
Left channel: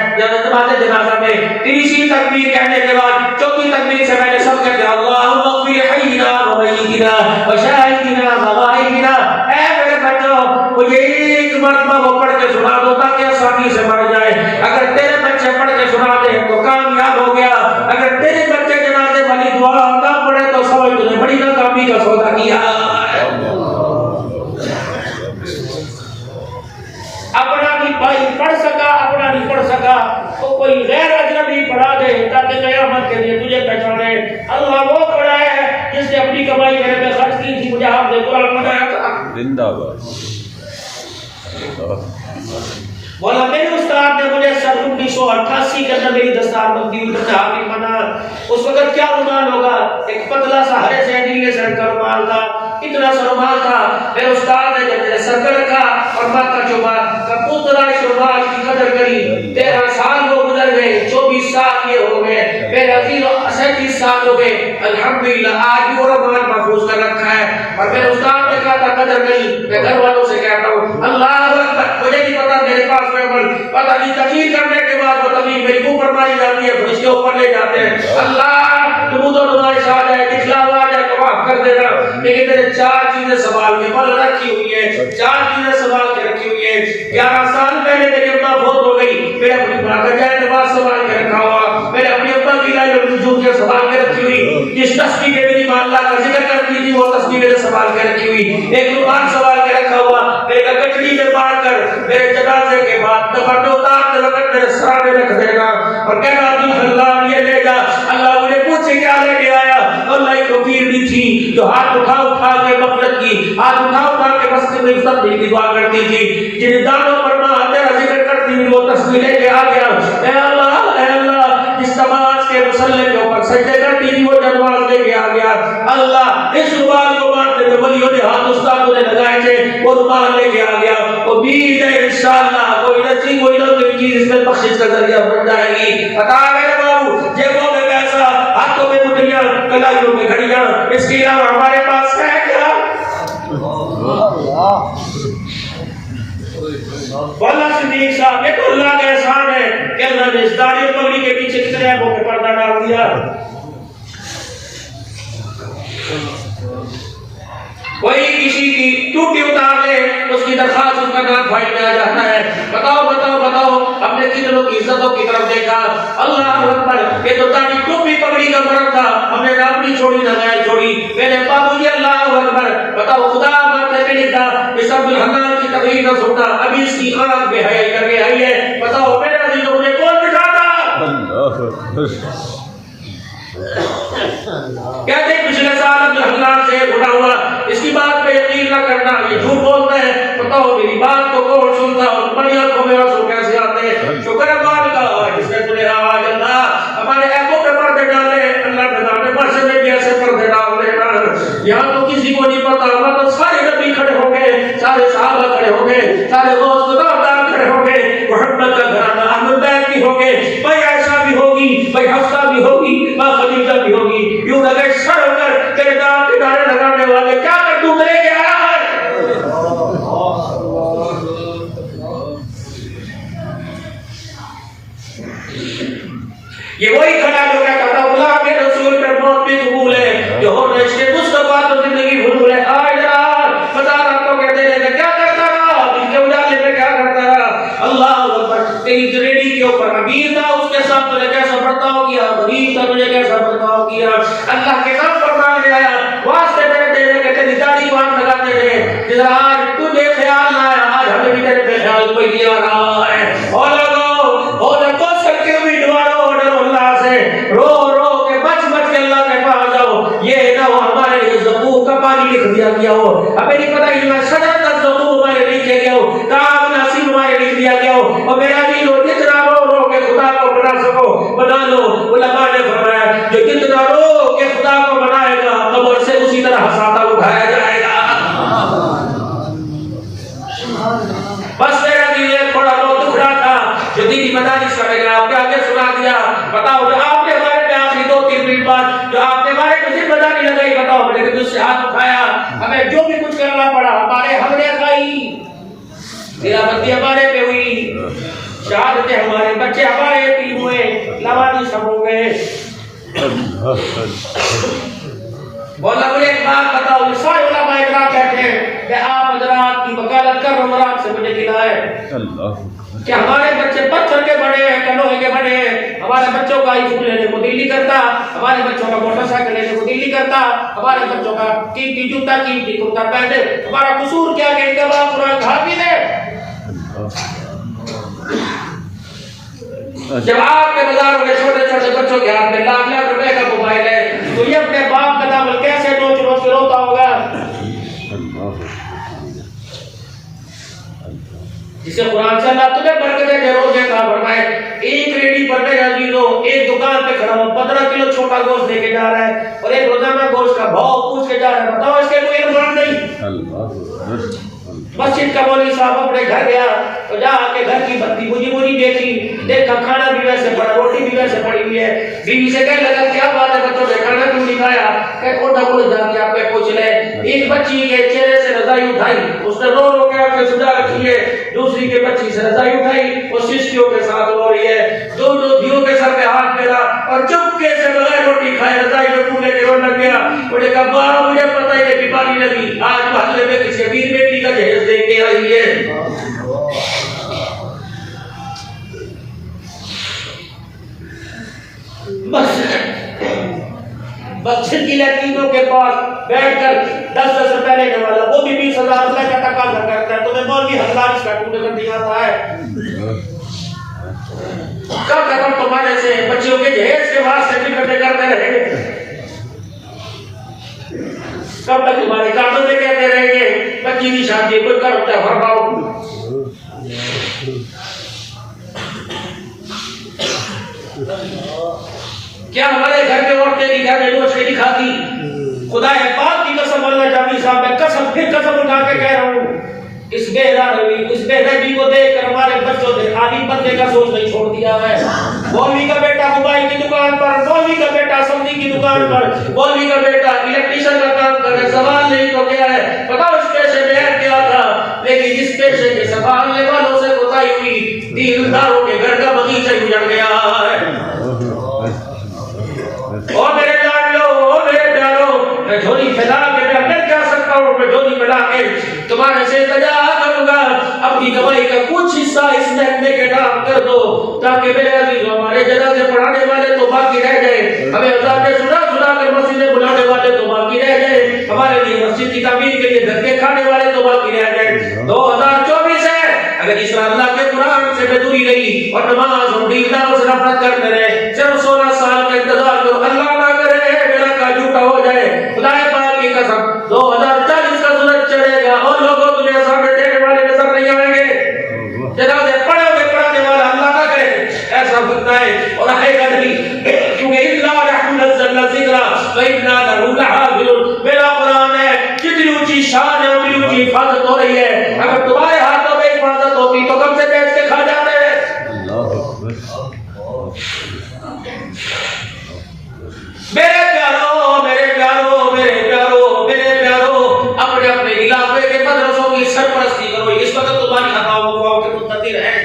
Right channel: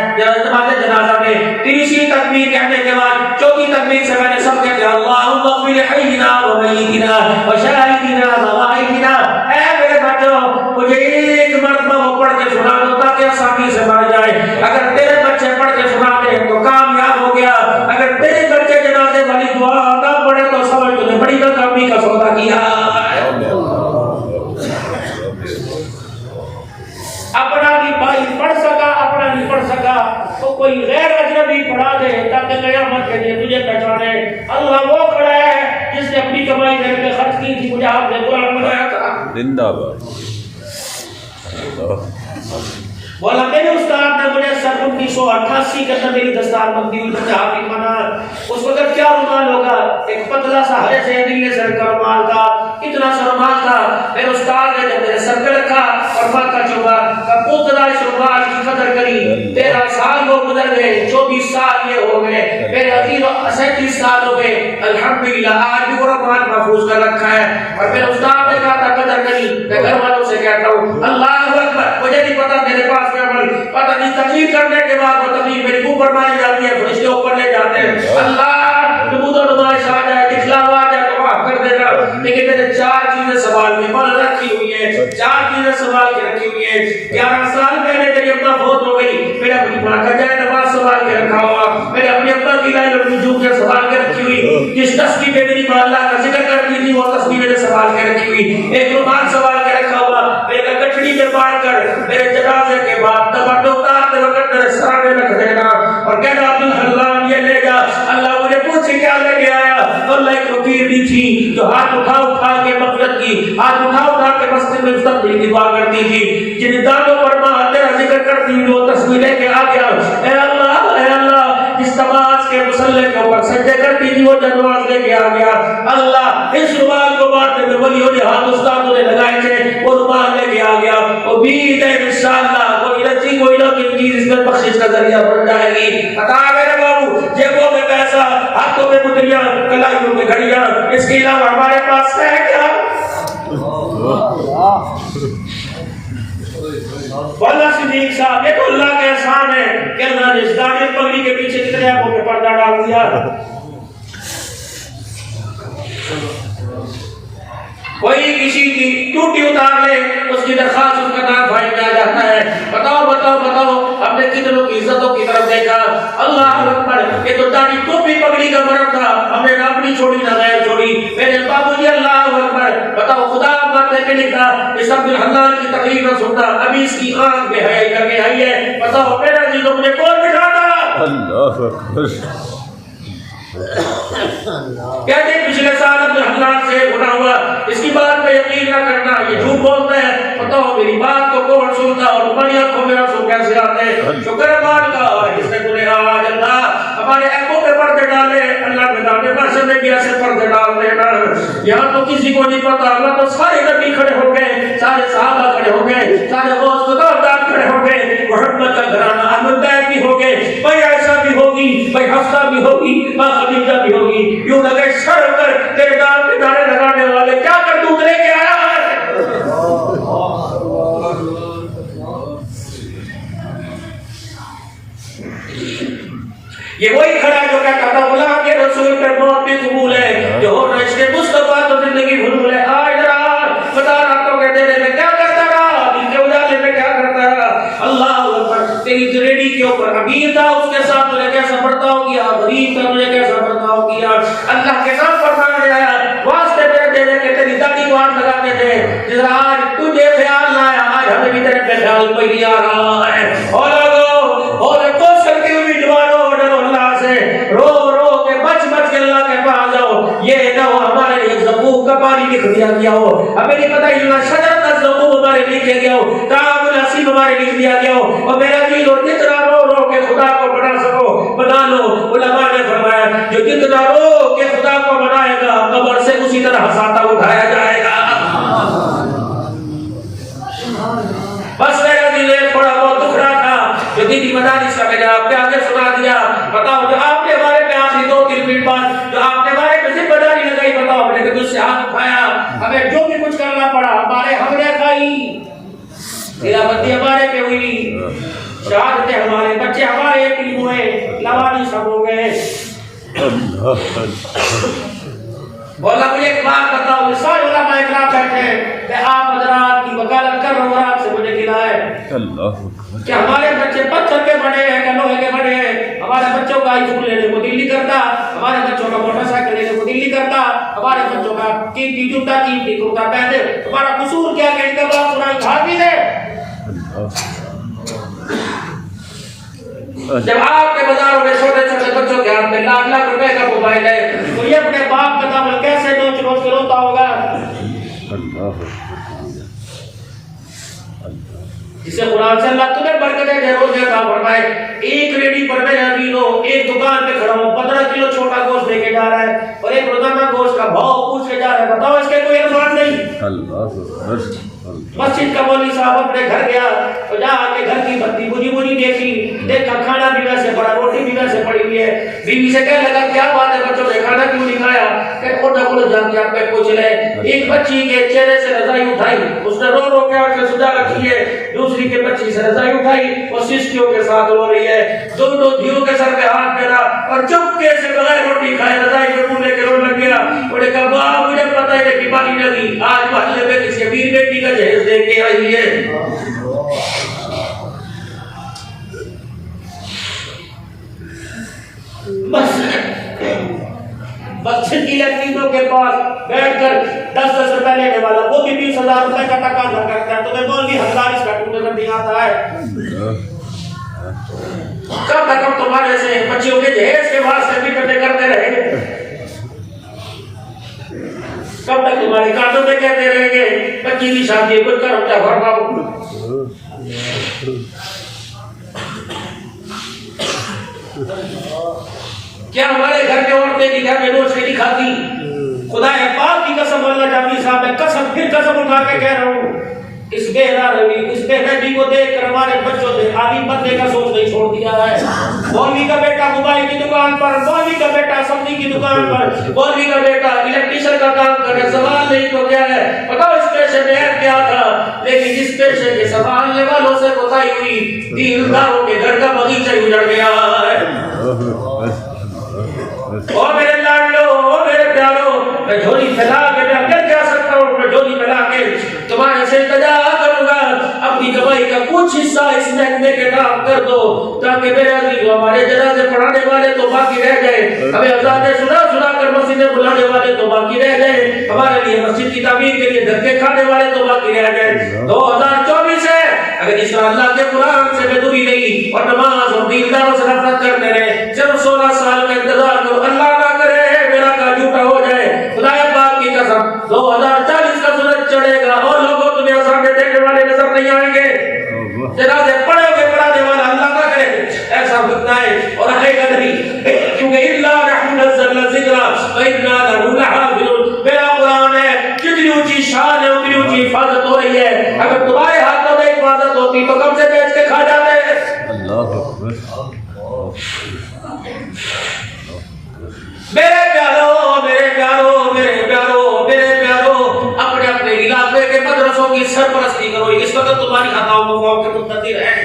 نماز جنازہ میں، تیسری تکبیر کہنے کے بعد چوتھی تکبیر سے میں نے سب کہہ دیا اللہم اغفر حینا و میتنا و شاہدنا و غائبنا، اے میرے بچوں مجھے ایک مرتبہ وہ پڑھ کے سنا دو تاکہ آسانی سے مر جائے، اگر تیرے بچے پڑھ کے سنا دے تو کامیاب ہو گیا، اگر تیرے بچے جنازے والی دعا نہ پڑھے تو سمجھ تو نے بڑی ناکامی کا سودا کیا۔ اپنا نہیں بھائی پڑھ سکا، اپنا نہیں پڑھ سکا تو کوئی غیر اجنبی پڑھا دے تاکہ قیامت کے لیے تجھے پہچانے اللہ وہ کھڑا ہے جس نے اپنی کمائی میرے پہ خرچ کی تھی، مجھے آپ نے قرآن بنایا تھا۔ زندہ باد۔ بولا میرے استاد نے مجھے سن 1988 کے اندر میری دستار بندی ہوئی، میں حافظ بنا، اس وقت کیا رومال ہوگا، ایک پتلا سا ہرے سے نیلے سر کا رومال تھا، اتنا سا رومال تھا، میرے استاد نے جب میرے سر پہ رکھا اور ماتا چوبا کپوترا اس رومال کی قدر کری، 13 سال وہ گزر گئے، 24 سال یہ ہو گئے، میرے عزیزوں 37 سال ہو گئے، الحمدللہ آج بھی وہ رومال محفوظ کر رکھا ہے، اور میرے استاد نے کہا تھا قدر کری، میں گھر والوں سے کہتا ہوں اللہ اکبر، مجھے نہیں پتا میرے پاس پتہ نہیں تقریر کرنے کے بعد وہ تقریر میری اوپر ماری جاتی ہے، پھر اس کے اوپر لے جاتے ہیں، اللہ درود و نمائش آ جائے، دکھلاوا آ جائے تو معاف کر دینا، لیکن میرے 4 چیزیں سنبھال کے مل رکھی ہوئی ہیں، 4 چیزیں سنبھال کے رکھی ہوئی ہیں۔ 11 سال پہلے میری اماں فوت ہو گئی، میرے اپنی ماں کا جائے نماز سنبھال کے رکھا ہوا، میرے اپنی ابا کی لائن وجود کے سنبھال کے رکھی ہوئی، جس تسبیح پہ میری ماں اللہ کا ذکر کرتی تھی وہ تسبیح میرے سنبھال کے رکھی ہوئی، ایک رومال سنبھال کے رکھا ہوا، میرے گٹڑی میں باندھ کر میرے جنازے کے بعد دفعہ اتارتے وقت میرے سرانے رکھ دینا اور کہنا اللہ یہ لے جا، اللہ مجھے پوچھے کیا لے کے آیا، اللہ ایک فقیر بھی تھی جو ہاتھ اٹھا کے مغفرت کی، ہاتھ اٹھا کے مسجد میں مستقبل کی دعا کرتی تھی، جن دانوں پر ماں تیرا ذکر کرتی ہوئی وہ تصویر لے کے آ گیا، اے اللہ جس نماز کے مصلی کے اوپر سجدے کرتی تھی وہ نماز لے کے آ گیا، اللہ اس رومال کو مارتے میں ولیوں نے ہاتھ استادوں نے لگائے تھے وہ رومال لے کے آ گیا، امید ہے انشاءاللہ کوئی نصیب کوئی نہ کوئی چیز اس میں بخشش کا ذریعہ بن جائے گی۔ عطا میرے بابو جیبوں میں پیسہ، ہاتھوں میں مدریاں، کلائیوں میں گھڑیاں، اس کے علاوہ ہمارے پاس ہے کیا؟ مولا صدیق صاحب یہ تو اللہ کا احسان ہے کہ اللہ نے اس داڑھی اور پگڑی کے پیچھے کتنے ایپوں پہ پردہ ڈال دیا۔ کوئی کسی کی ٹوٹی اتار لے اس کی درخواست اس کا نام فائل میں آ جاتا ہے، بتاؤ بتاؤ بتاؤ ہم نے کتنوں کی عزتوں کی طرف دیکھا، اللہ اکبر یہ تو داڑھی ٹوپی پگڑی کا فرق تھا، ہم نے نام نہیں چھوڑی نہ غیر چھوڑی، میرے بابو جی اللہ اکبر، بتاؤ خدا باتیں میں لکھا اس عبد الحنان کی تقریر نہ سنتا، ابھی اس کی آنکھ میں حیا کر کے آئی ہے، بتاؤ میرے عزیزوں مجھے کون بٹھاتا؟ کہتے ہیں پچھلے سال عبد الحنان سے گناہ ہوا، اس کی بات پہ یقین نہ کرنا، یہ جھوٹ بولتا ہے، بتاؤ میری بات کو کون سنتا اور تمہاری آنکھوں میں آنسو کیسے آتے ہیں؟ شکر امان کا جس نے تمہیں آج اللہ ہمارے ایپوں پہ پردے ڈالے، اللہ نے دانے برسے میں بھی ایسے پردے ڈال دینا، یہاں تو کسی کو نہیں پتا، وہاں تو سارے نبی کھڑے ہو گئے، سارے صحابہ کھڑے ہو گئے، سارے غوث خداوندار کھڑے ہو گئے، محمد کا گھرانہ اہل بیت بھی ہو گئے، بھائی عائشہ بھی ہوگی، بھائی حفصہ بھی ہوگی، ماں خدیجہ بھی ہوگی، یوں لگے سر کر تیرے نام کے نعرے لگانے والے کیا کر تو لے کے آیا ہے؟ یہ وہی کھڑا جو کہتا تھا اللہ کے رسول پر موت بھی قبول ہے، جو ہم رشتے مصطفیٰ تو زندگی بھول ہے، آج رات خدا راتوں کے دینے میں کیا کرتا رہا، دن کے اجالے میں کیا کرتا کا پانی لکھ دیا گیا ہو, ہمیں نہیں پتا یہ شجرۃ الزقوم ہمارے لیے کیا گیا ہو, کعب الحصین ہمارے لیے دیا گیا ہو. اور میرا دل ہو جتنا رو کے خدا کو بنا سکو بنا لو. علماء نے فرمایا جو جتنا رو کے خدا کو بنائے گا قبر سے اسی طرح ہساتا اٹھایا جائے گا. بس میرا دل تھوڑا بہت دکھ رہا تھا جو دیدی مدارس کا میں نے آپ کے آگے سنا دیا. بتاؤ جو آپ نے ہمارے پہ آخری 2-3 منٹ بعد جو آپ نے ہمارے پہ ذمہ داری لگائی, بتاؤ ہم نے تجھ سے ہاتھ اٹھایا, ہمیں جو بھی کچھ کرنا پڑا ہمارے ہم نے کھائی, تیرا بندی ہمارے پہ ہوئی, شہادتیں ہمارے بچے ہمارے یتیم ہوئے, لوانی سب ہو گئے. بولا مجھے ایک بات بتاؤ, سارے علماء اکرام بیٹھے ہیں, میں آپ حضرات کی وکالت کر رہا ہوں, آپ سے مجھے کھلائے کہ ہمارے بچے پتھر کے بنے ہیں, کلوہے کے بنے ہیں, ہمارے بچوں کا آئی فون لینے کو دل نہیں کرتا, ہمارے بچوں کا موٹر سائیکل لینے کو دل نہیں کرتا, ہمارے بچوں کا قیمتی جوتا قیمتی کرتا پہنے, ہمارا قصور کیا کہ ان کا باپ قرآن حافظ ہے. جب آپ کے بازاروں میں چھوٹے چھوٹے بچوں کے ہاتھ میں لاکھ لاکھ روپے کا موبائل ہے تو یہ اپنے باپ کا دامن کیسے نوچ نوچ کے روتا ہوگا. جسے قرآن سے اللہ تمہیں برکتیں دے روزے کا فرمائے, ایک ریڈی پر میرے عزیزوں ایک دکان پہ کھڑا ہو 15 کلو چھوٹا گوشت لے کے جا رہا ہے اور ایک روزانہ گوشت کا بھاؤ پوچھ کے جا رہا ہے, بتاؤ اس کے کوئی ارمان نہیں. مسجد کا مولوی صاحب اپنے گھر گیا تو جا کے گھر کی بتی بجھی دیکھی, دیکھا کھانا بھی ویسے پڑا, روٹی بھی ویسے پڑی ہوئی ہے. بیوی سے کہنے لگا کیا بات ہے بچوں نے کھانا کیوں نہیں کھایا, کہ کوئی جا کے آپ پہ پوچھ لے. ایک بچی کے چہرے سے رضائی اٹھائی, اس نے رو کے اٹھ کے سجا رکھی ہے, دوسری کے بچی سے رضائی اٹھائی وہ سسکیوں کے ساتھ رو رہی ہے, دونوں دیوں کے سر پہ ہاتھ پھیرا اور چپکے سے بغیر روٹی کھائے رضائی پہ منہ لے کے رونے لگ گیا. انہوں نے کہا باپ مجھے پتہ ہے بیماری لگی, آج محلے میں کسی امیر بیٹی کا جہیز دے کے آئی ہے. بس چھٹی لڑکیوں کے پاس بیٹھ کر 10-10 روپے لینے والا وہ بھی 20,000 روپے کا تقاضا کرتا ہے. تمہیں مولوی ہزار اس کا ٹوٹے کر نہیں آتا ہے. کب تک ہم تمہارے سے بچیوں کے جہیز کے واسطے بھی کٹے کرتے رہیں گے, کب تک تمہارے کانوں میں کہتے رہیں گے بچی کی شادی کوئی کرتا بھرپاؤ. کیا ہمارے گھر کے عورتیں نکاح میں گوشت نہیں کھاتی؟ خدا پاک کی قسم, اللہ جامی صاحب میں قسم پھر قسم اٹھا کے کہہ رہا ہوں, اس بے رحمی کو دیکھ کر ہمارے بچوں نے عالم بننے کا سوچ نہیں چھوڑ دیا ہے. مولوی کا بیٹا موبائل کی دکان پر, مولوی کا بیٹا سبزی کی دکان پر, مولوی کا بیٹا الیکٹریشین کا کام کر رہے. سوال نہیں تو کیا ہے, بتاؤ اس پیشے میں ہے کیا تھا, لیکن اس پیشے کے سنبھالنے والوں سے بتائی ہوئی دینداروں کے گھر کا باغیچہ اجڑ گیا ہے. اور میرے لاڈلو, اور میرے پیاروں, میں جھولی پھیلا کے میں اندر جا سکتا ہوں, میں جھولی پھیلا کے تمہارے سے التجا کروں گا, اپنی کمائی کا کچھ حصہ اس محکمے کے کام کر دو تاکہ میرے عزیز ہمارے جنازے پڑھانے والے تو باقی رہ گئے, ہمیں اذانیں سنا کر مسجدیں بلانے والے تو باقی رہ گئے, ہمارے لیے مسجد کی تعمیر کے لیے دھکے کھانے والے تو باقی رہ گئے. 2024 ہے, اگر اس اللہ کے قرآن سے بے دوری رہی اور نماز اور دینداروں سے نفرت کرتے رہے, صرف 16 سال کا انتظار جو اللہ نہ کرے میرا کا جھوٹا ہو جائے. خدا پاک کی قسم 2040 کا سورج چڑھے گا اور لوگوں تمہیں سامنے دیکھنے والے نظر نہیں آئیں گے. جنازے پڑھو گے پڑھانے والا اللہ نہ کرے ایسا فتنہ ہے اور آئے گا نہیں, کیونکہ اللہ رحم نزلنا ذکرہ وَإِنَّا لَهُ لَحَافِظُونَ. میرا قرآن ہے, جتنی اونچی شان ہے اتنی اونچی حفاظت ہو رہی ہے. اگر تمہارے ہاتھوں میں حفاظت ہوتی تو کم سے بیچ کے کھا جاتے. میرے پیاروں, میرے پیاروں, میرے پیاروں, میرے پیاروں, اپنے اپنے علاقے کے مدرسوں کی سرپرستی کرو. اس وقت تمہاری خطاؤں کے منتظر ہیں.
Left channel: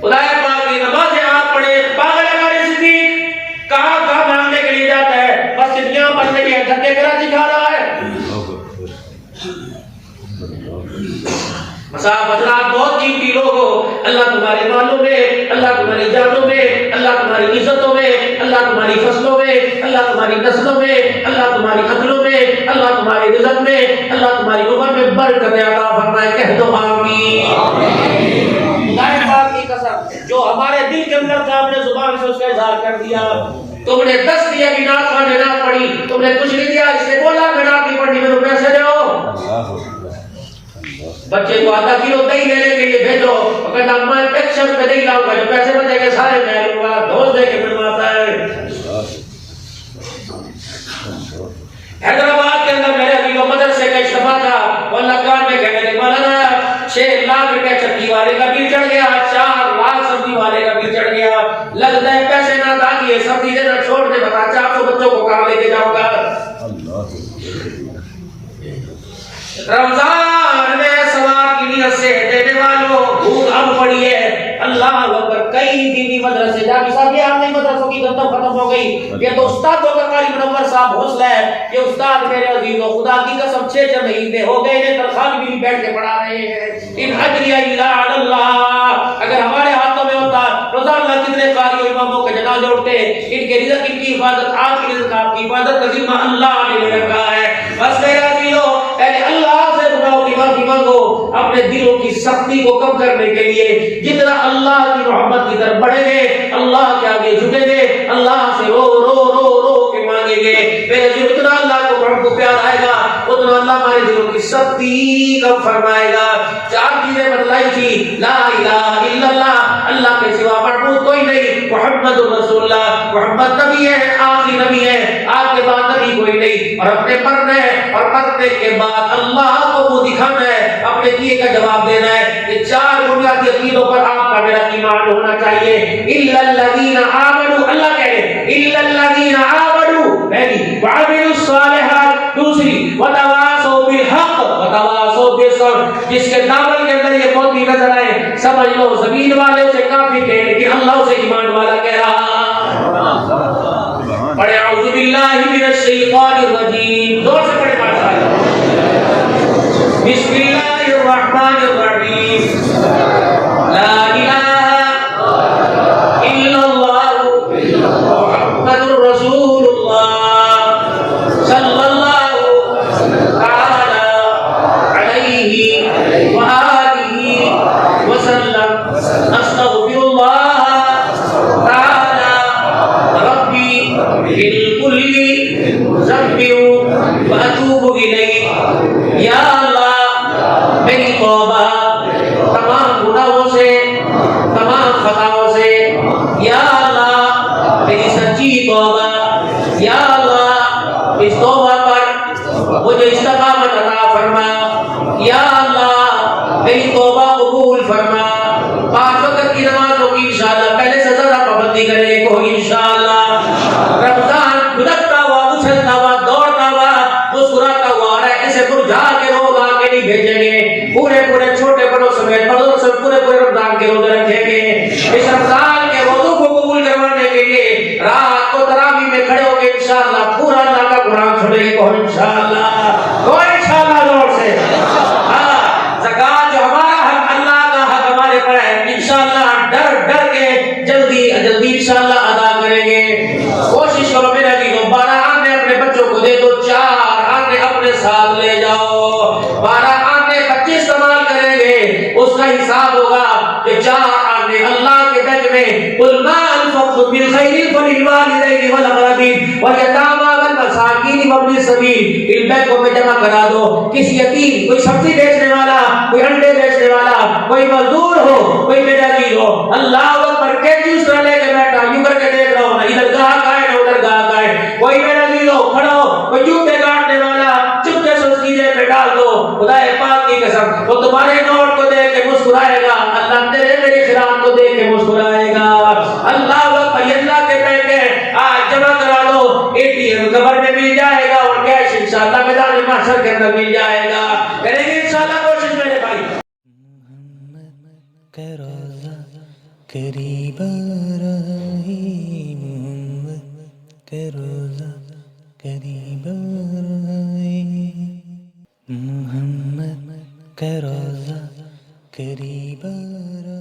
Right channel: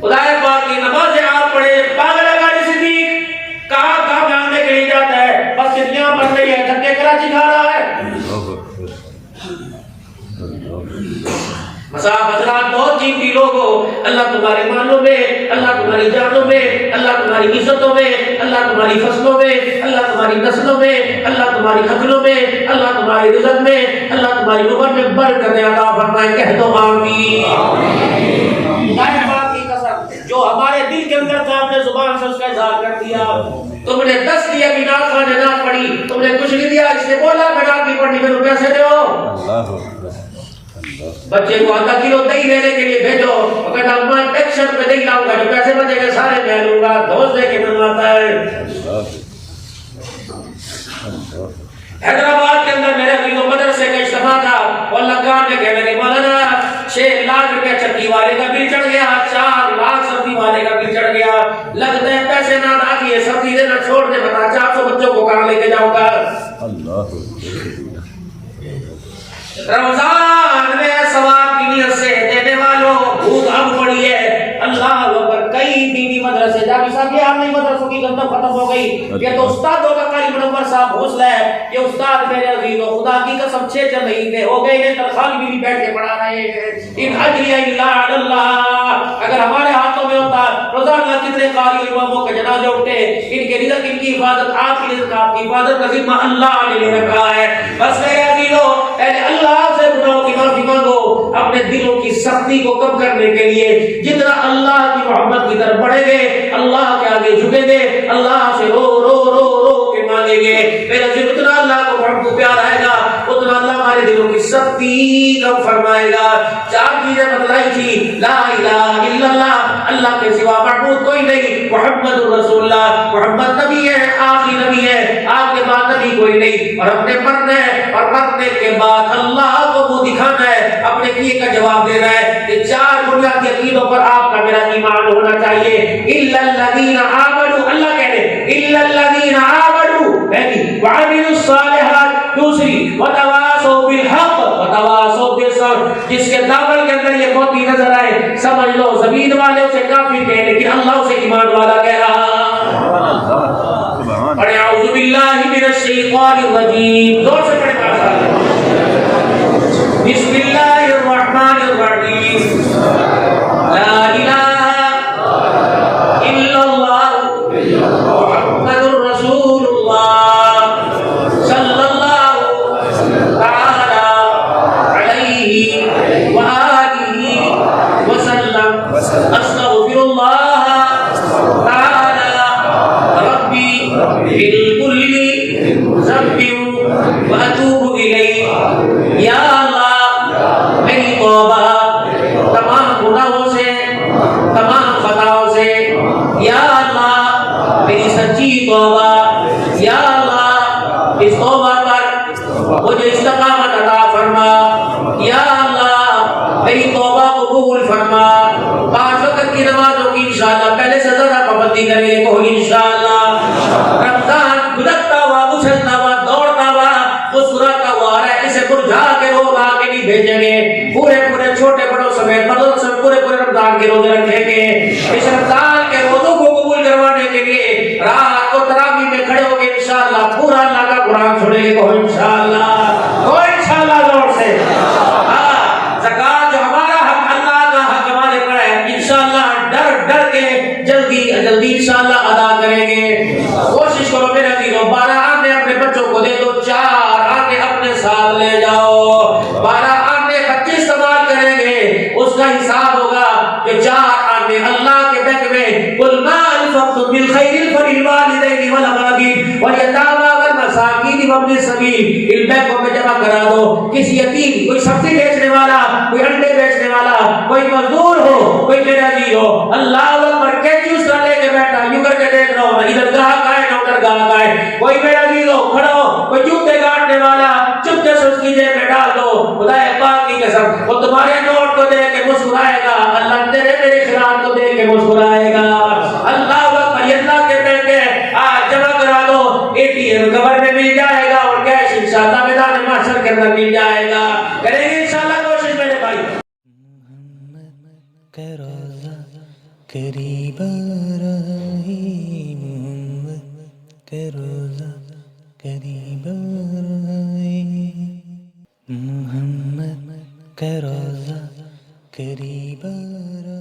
خدا پاک کی نمازیں آپ پڑھے. پاگل اگاڑی صدیق کہاں مانگنے کے لیے جاتا ہے, مسجد یہاں بن رہی ہے, دھکے کراچی کھا رہا ہے. صاحب حضرات بہت قیمتی لوگ ہو, اللہ تمہارے مالوں میں, اللہ تمہاری جانوں میں, اللہ تمہاری عزتوں میں, اللہ تمہاری فصلوں میں, اللہ تمہاری نسلوں میں, اللہ تمہاری قتلوں میں, اللہ تمہاری رزق میں, اللہ تمہاری عمر میں برکت عطا فرمائے. کہہ دو آمین. خدا پاک کی قسم جو ہمارے دل کے اندر تھا اپنے زبان سے اس کا اظہار کر دیا. تم نے 10 دیے بھی نہ کھانے نہ پڑی, تم نے کچھ نہیں دیا, اس نے بولا میں نہ کی پڑی میں پیسے دو. بچے کو آدھا کلو دہی لینے کے لیے بھیجو, وہ کہتا میں پیکشن پہ نہیں لاؤں گا, جو پیسے بچے گے سارے میں لوں گا. دوست دے کے بنواتا ہے. حیدرآباد کے اندر میرے عزیزوں مدرسے کا اجتماع تھا, وہ لگان میں کہنے لگے مولانا 6 لاکھ روپے چٹی والے کا بل چڑھ گیا, 4 لاکھ سبزی والے کا بل چڑھ گیا, لگتا ہے پیسے نہ ادا کیے, سبزی دینا چھوڑ دے, بتا 400 بچوں کو کہاں لے کے جاؤں گا. رمضان میں ثواب کی نیت سے دینے والوں بھوک اب پڑی ہے. اللہ اکبر, کئی دینی مدرسے جا بھی صاحب یہ نہیں مدرسوں کی گندم ختم ہو گئی. یہ تو استادوں کا قاری منور صاحب حوصلہ ہے. یہ استاد میرے عزیزوں خدا کی قسم 6 مہینے ہو گئے انہیں تنخواہ بھی نہیں بیٹھ کے پڑھا رہے ہیں. ان اجری الا علی اللہ, اگر ہمارے ہاتھوں میں ہوتا روزانہ کتنے قاری و اماموں کے جنازے اٹھتے. ان کے رزق ان کی حفاظت, آپ کی رزق آپ کی حفاظت کا ذمہ اللہ نے لے رکھا ہے. بس میرے عزیزوں پہلے اللہ سے گناہوں کی معافی مانگو, اپنے دلوں کی سختی کو کم کرنے کے لیے. جتنا اللہ کی محبت کی طرف بڑھیں گے, اللہ کے آگے جھکیں گے, اللہ سے رو رو رو رو کے مانگیں گے, میرے دل اتنا اللہ کو محبت پیار آئے گا, اتنا اللہ ہمارے دلوں کی سختی کم فرمائے گا. 4 چیزیں بتلائی تھی, لا الہ الا اللہ, اللہ کے سوا معبود کوئی نہیں, محمد رسول اللہ, محمد نبی ہے, آخری نبی ہے, آپ کے بعد نبی کوئی نہیں, اور اپنے مرنے اور مرنے کے بعد اللہ کو منہ دکھانا ہے, اپنے دیے کا جواب دینا ہے. یہ 4 بنیادی عقیدوں پر آپ کا میرا ایمان ہونا چاہیے. الا الذین آمنوا, اللہ کہہ رہے الا الذین آمنوا, پہلی وعملوا الصالحات, دوسری وتواصوا بالحق وتواصوا بالصبر. جس کے دامن کے اندر یہ موتی نظر آئے سمجھ لو زمین والے اسے کافی کہہ, لیکن اللہ اسے ایمان والا کہہ رہا. اور اعوذ باللہ من الشیطان الرجیم, زور سے پڑھیں ماشاءاللہ. بسم اللہ الرحمن الرحیم, لا الہ الا اللہ محمد رسول اللہ صلی اللہ تعالی علیہ وآلہ وسلم. استغفر اللہ تعالی ربی بالکل ذنب واتوب الیہ. یا اللہ میری توبہ تمام گناہوں سے, تمام خطاؤں سے, یا اللہ میری سچی توبہ, یا اللہ اس توبہ پر مجھے استقامت عطا فرما, یا اللہ میری توبہ قبول فرما. 5 وقت کی نمازوں کی انشاءاللہ پہلے سے ذرا پابندی کریں کو انشاءاللہ. رمضان گزرتا ہوا, اچھلتا ہوا, دوڑتا ہوا, مسکراتا ہوا آ رہا ہے, اسے مرجھا کے روز لا کے نہیں بھیجیں گے. پورے چھوٹے بڑوں سمیت بڑوں سب پورے رمضان کے روزے رکھیں گے. اس رمضان کے روزوں کو قبول کروانے کے لیے رات کو تراویح میں کھڑے ہو گے انشاءاللہ. پورا اللہ کا قرآن چھوڑیں گے کو انشاءاللہ, کو انشاءاللہ زور سے. زکات جو ہمارا حق, اللہ کا حق ہمارے پر ہے, انشاءاللہ ڈر کے جلدی انشاءاللہ ادا کریں گے. کوشش کرو میرے عزیزوں, 12 آنے اپنے بچوں کو دے دو, 4 آنے اپنے ساتھ لے جاؤ. 12 آنے 25 استعمال کریں گے, اس کا حساب ہوگا کہ 4 آنے اللہ کے بیگ میں قل ما انفقتم من خیر فللوالدین والاقربین والیتامی والمساکین وابن السبیل. ان بیگوں میں جمع کرا دو. کسی یتیم, کوئی سبزی بیچنے والا, کوئی انڈے بیچنے والا, کوئی مزدور ہو, کوئی بے نظیر ہو, اللہ اکبر کے جوس نہ لے کے بیٹھا, یوں کر کے دیکھ رہا ہو, نہ ادھر گاہک آئے نہ ادھر گاہک آئے, کوئی بے نظیر ہو کھڑا ہو, کوئی جوتے کاٹنے والا, چپکے سے اس کی جیب میں ڈال دو. خدا پاک کی قسم وہ تمہارے نوٹ کو دیکھ کے مسکرائے گا, اللہ میری خیرات کو دیکھ کے مسکرائے گا. اللہ اکبر, اللہ کے پیسے آج جمع کرا دو, ATM قبر میں مل جائے گا اور کیش انشاءاللہ میدان محشر کے اندر مل جائے گا. کریں گے انشاءاللہ کوشش میرے بھائی. محمد کا روزہ قریب آ رہا ہے, محمد کا روزہ قریب آ رہا ہے, محمد کا روزہ قریب آ رہا ہے.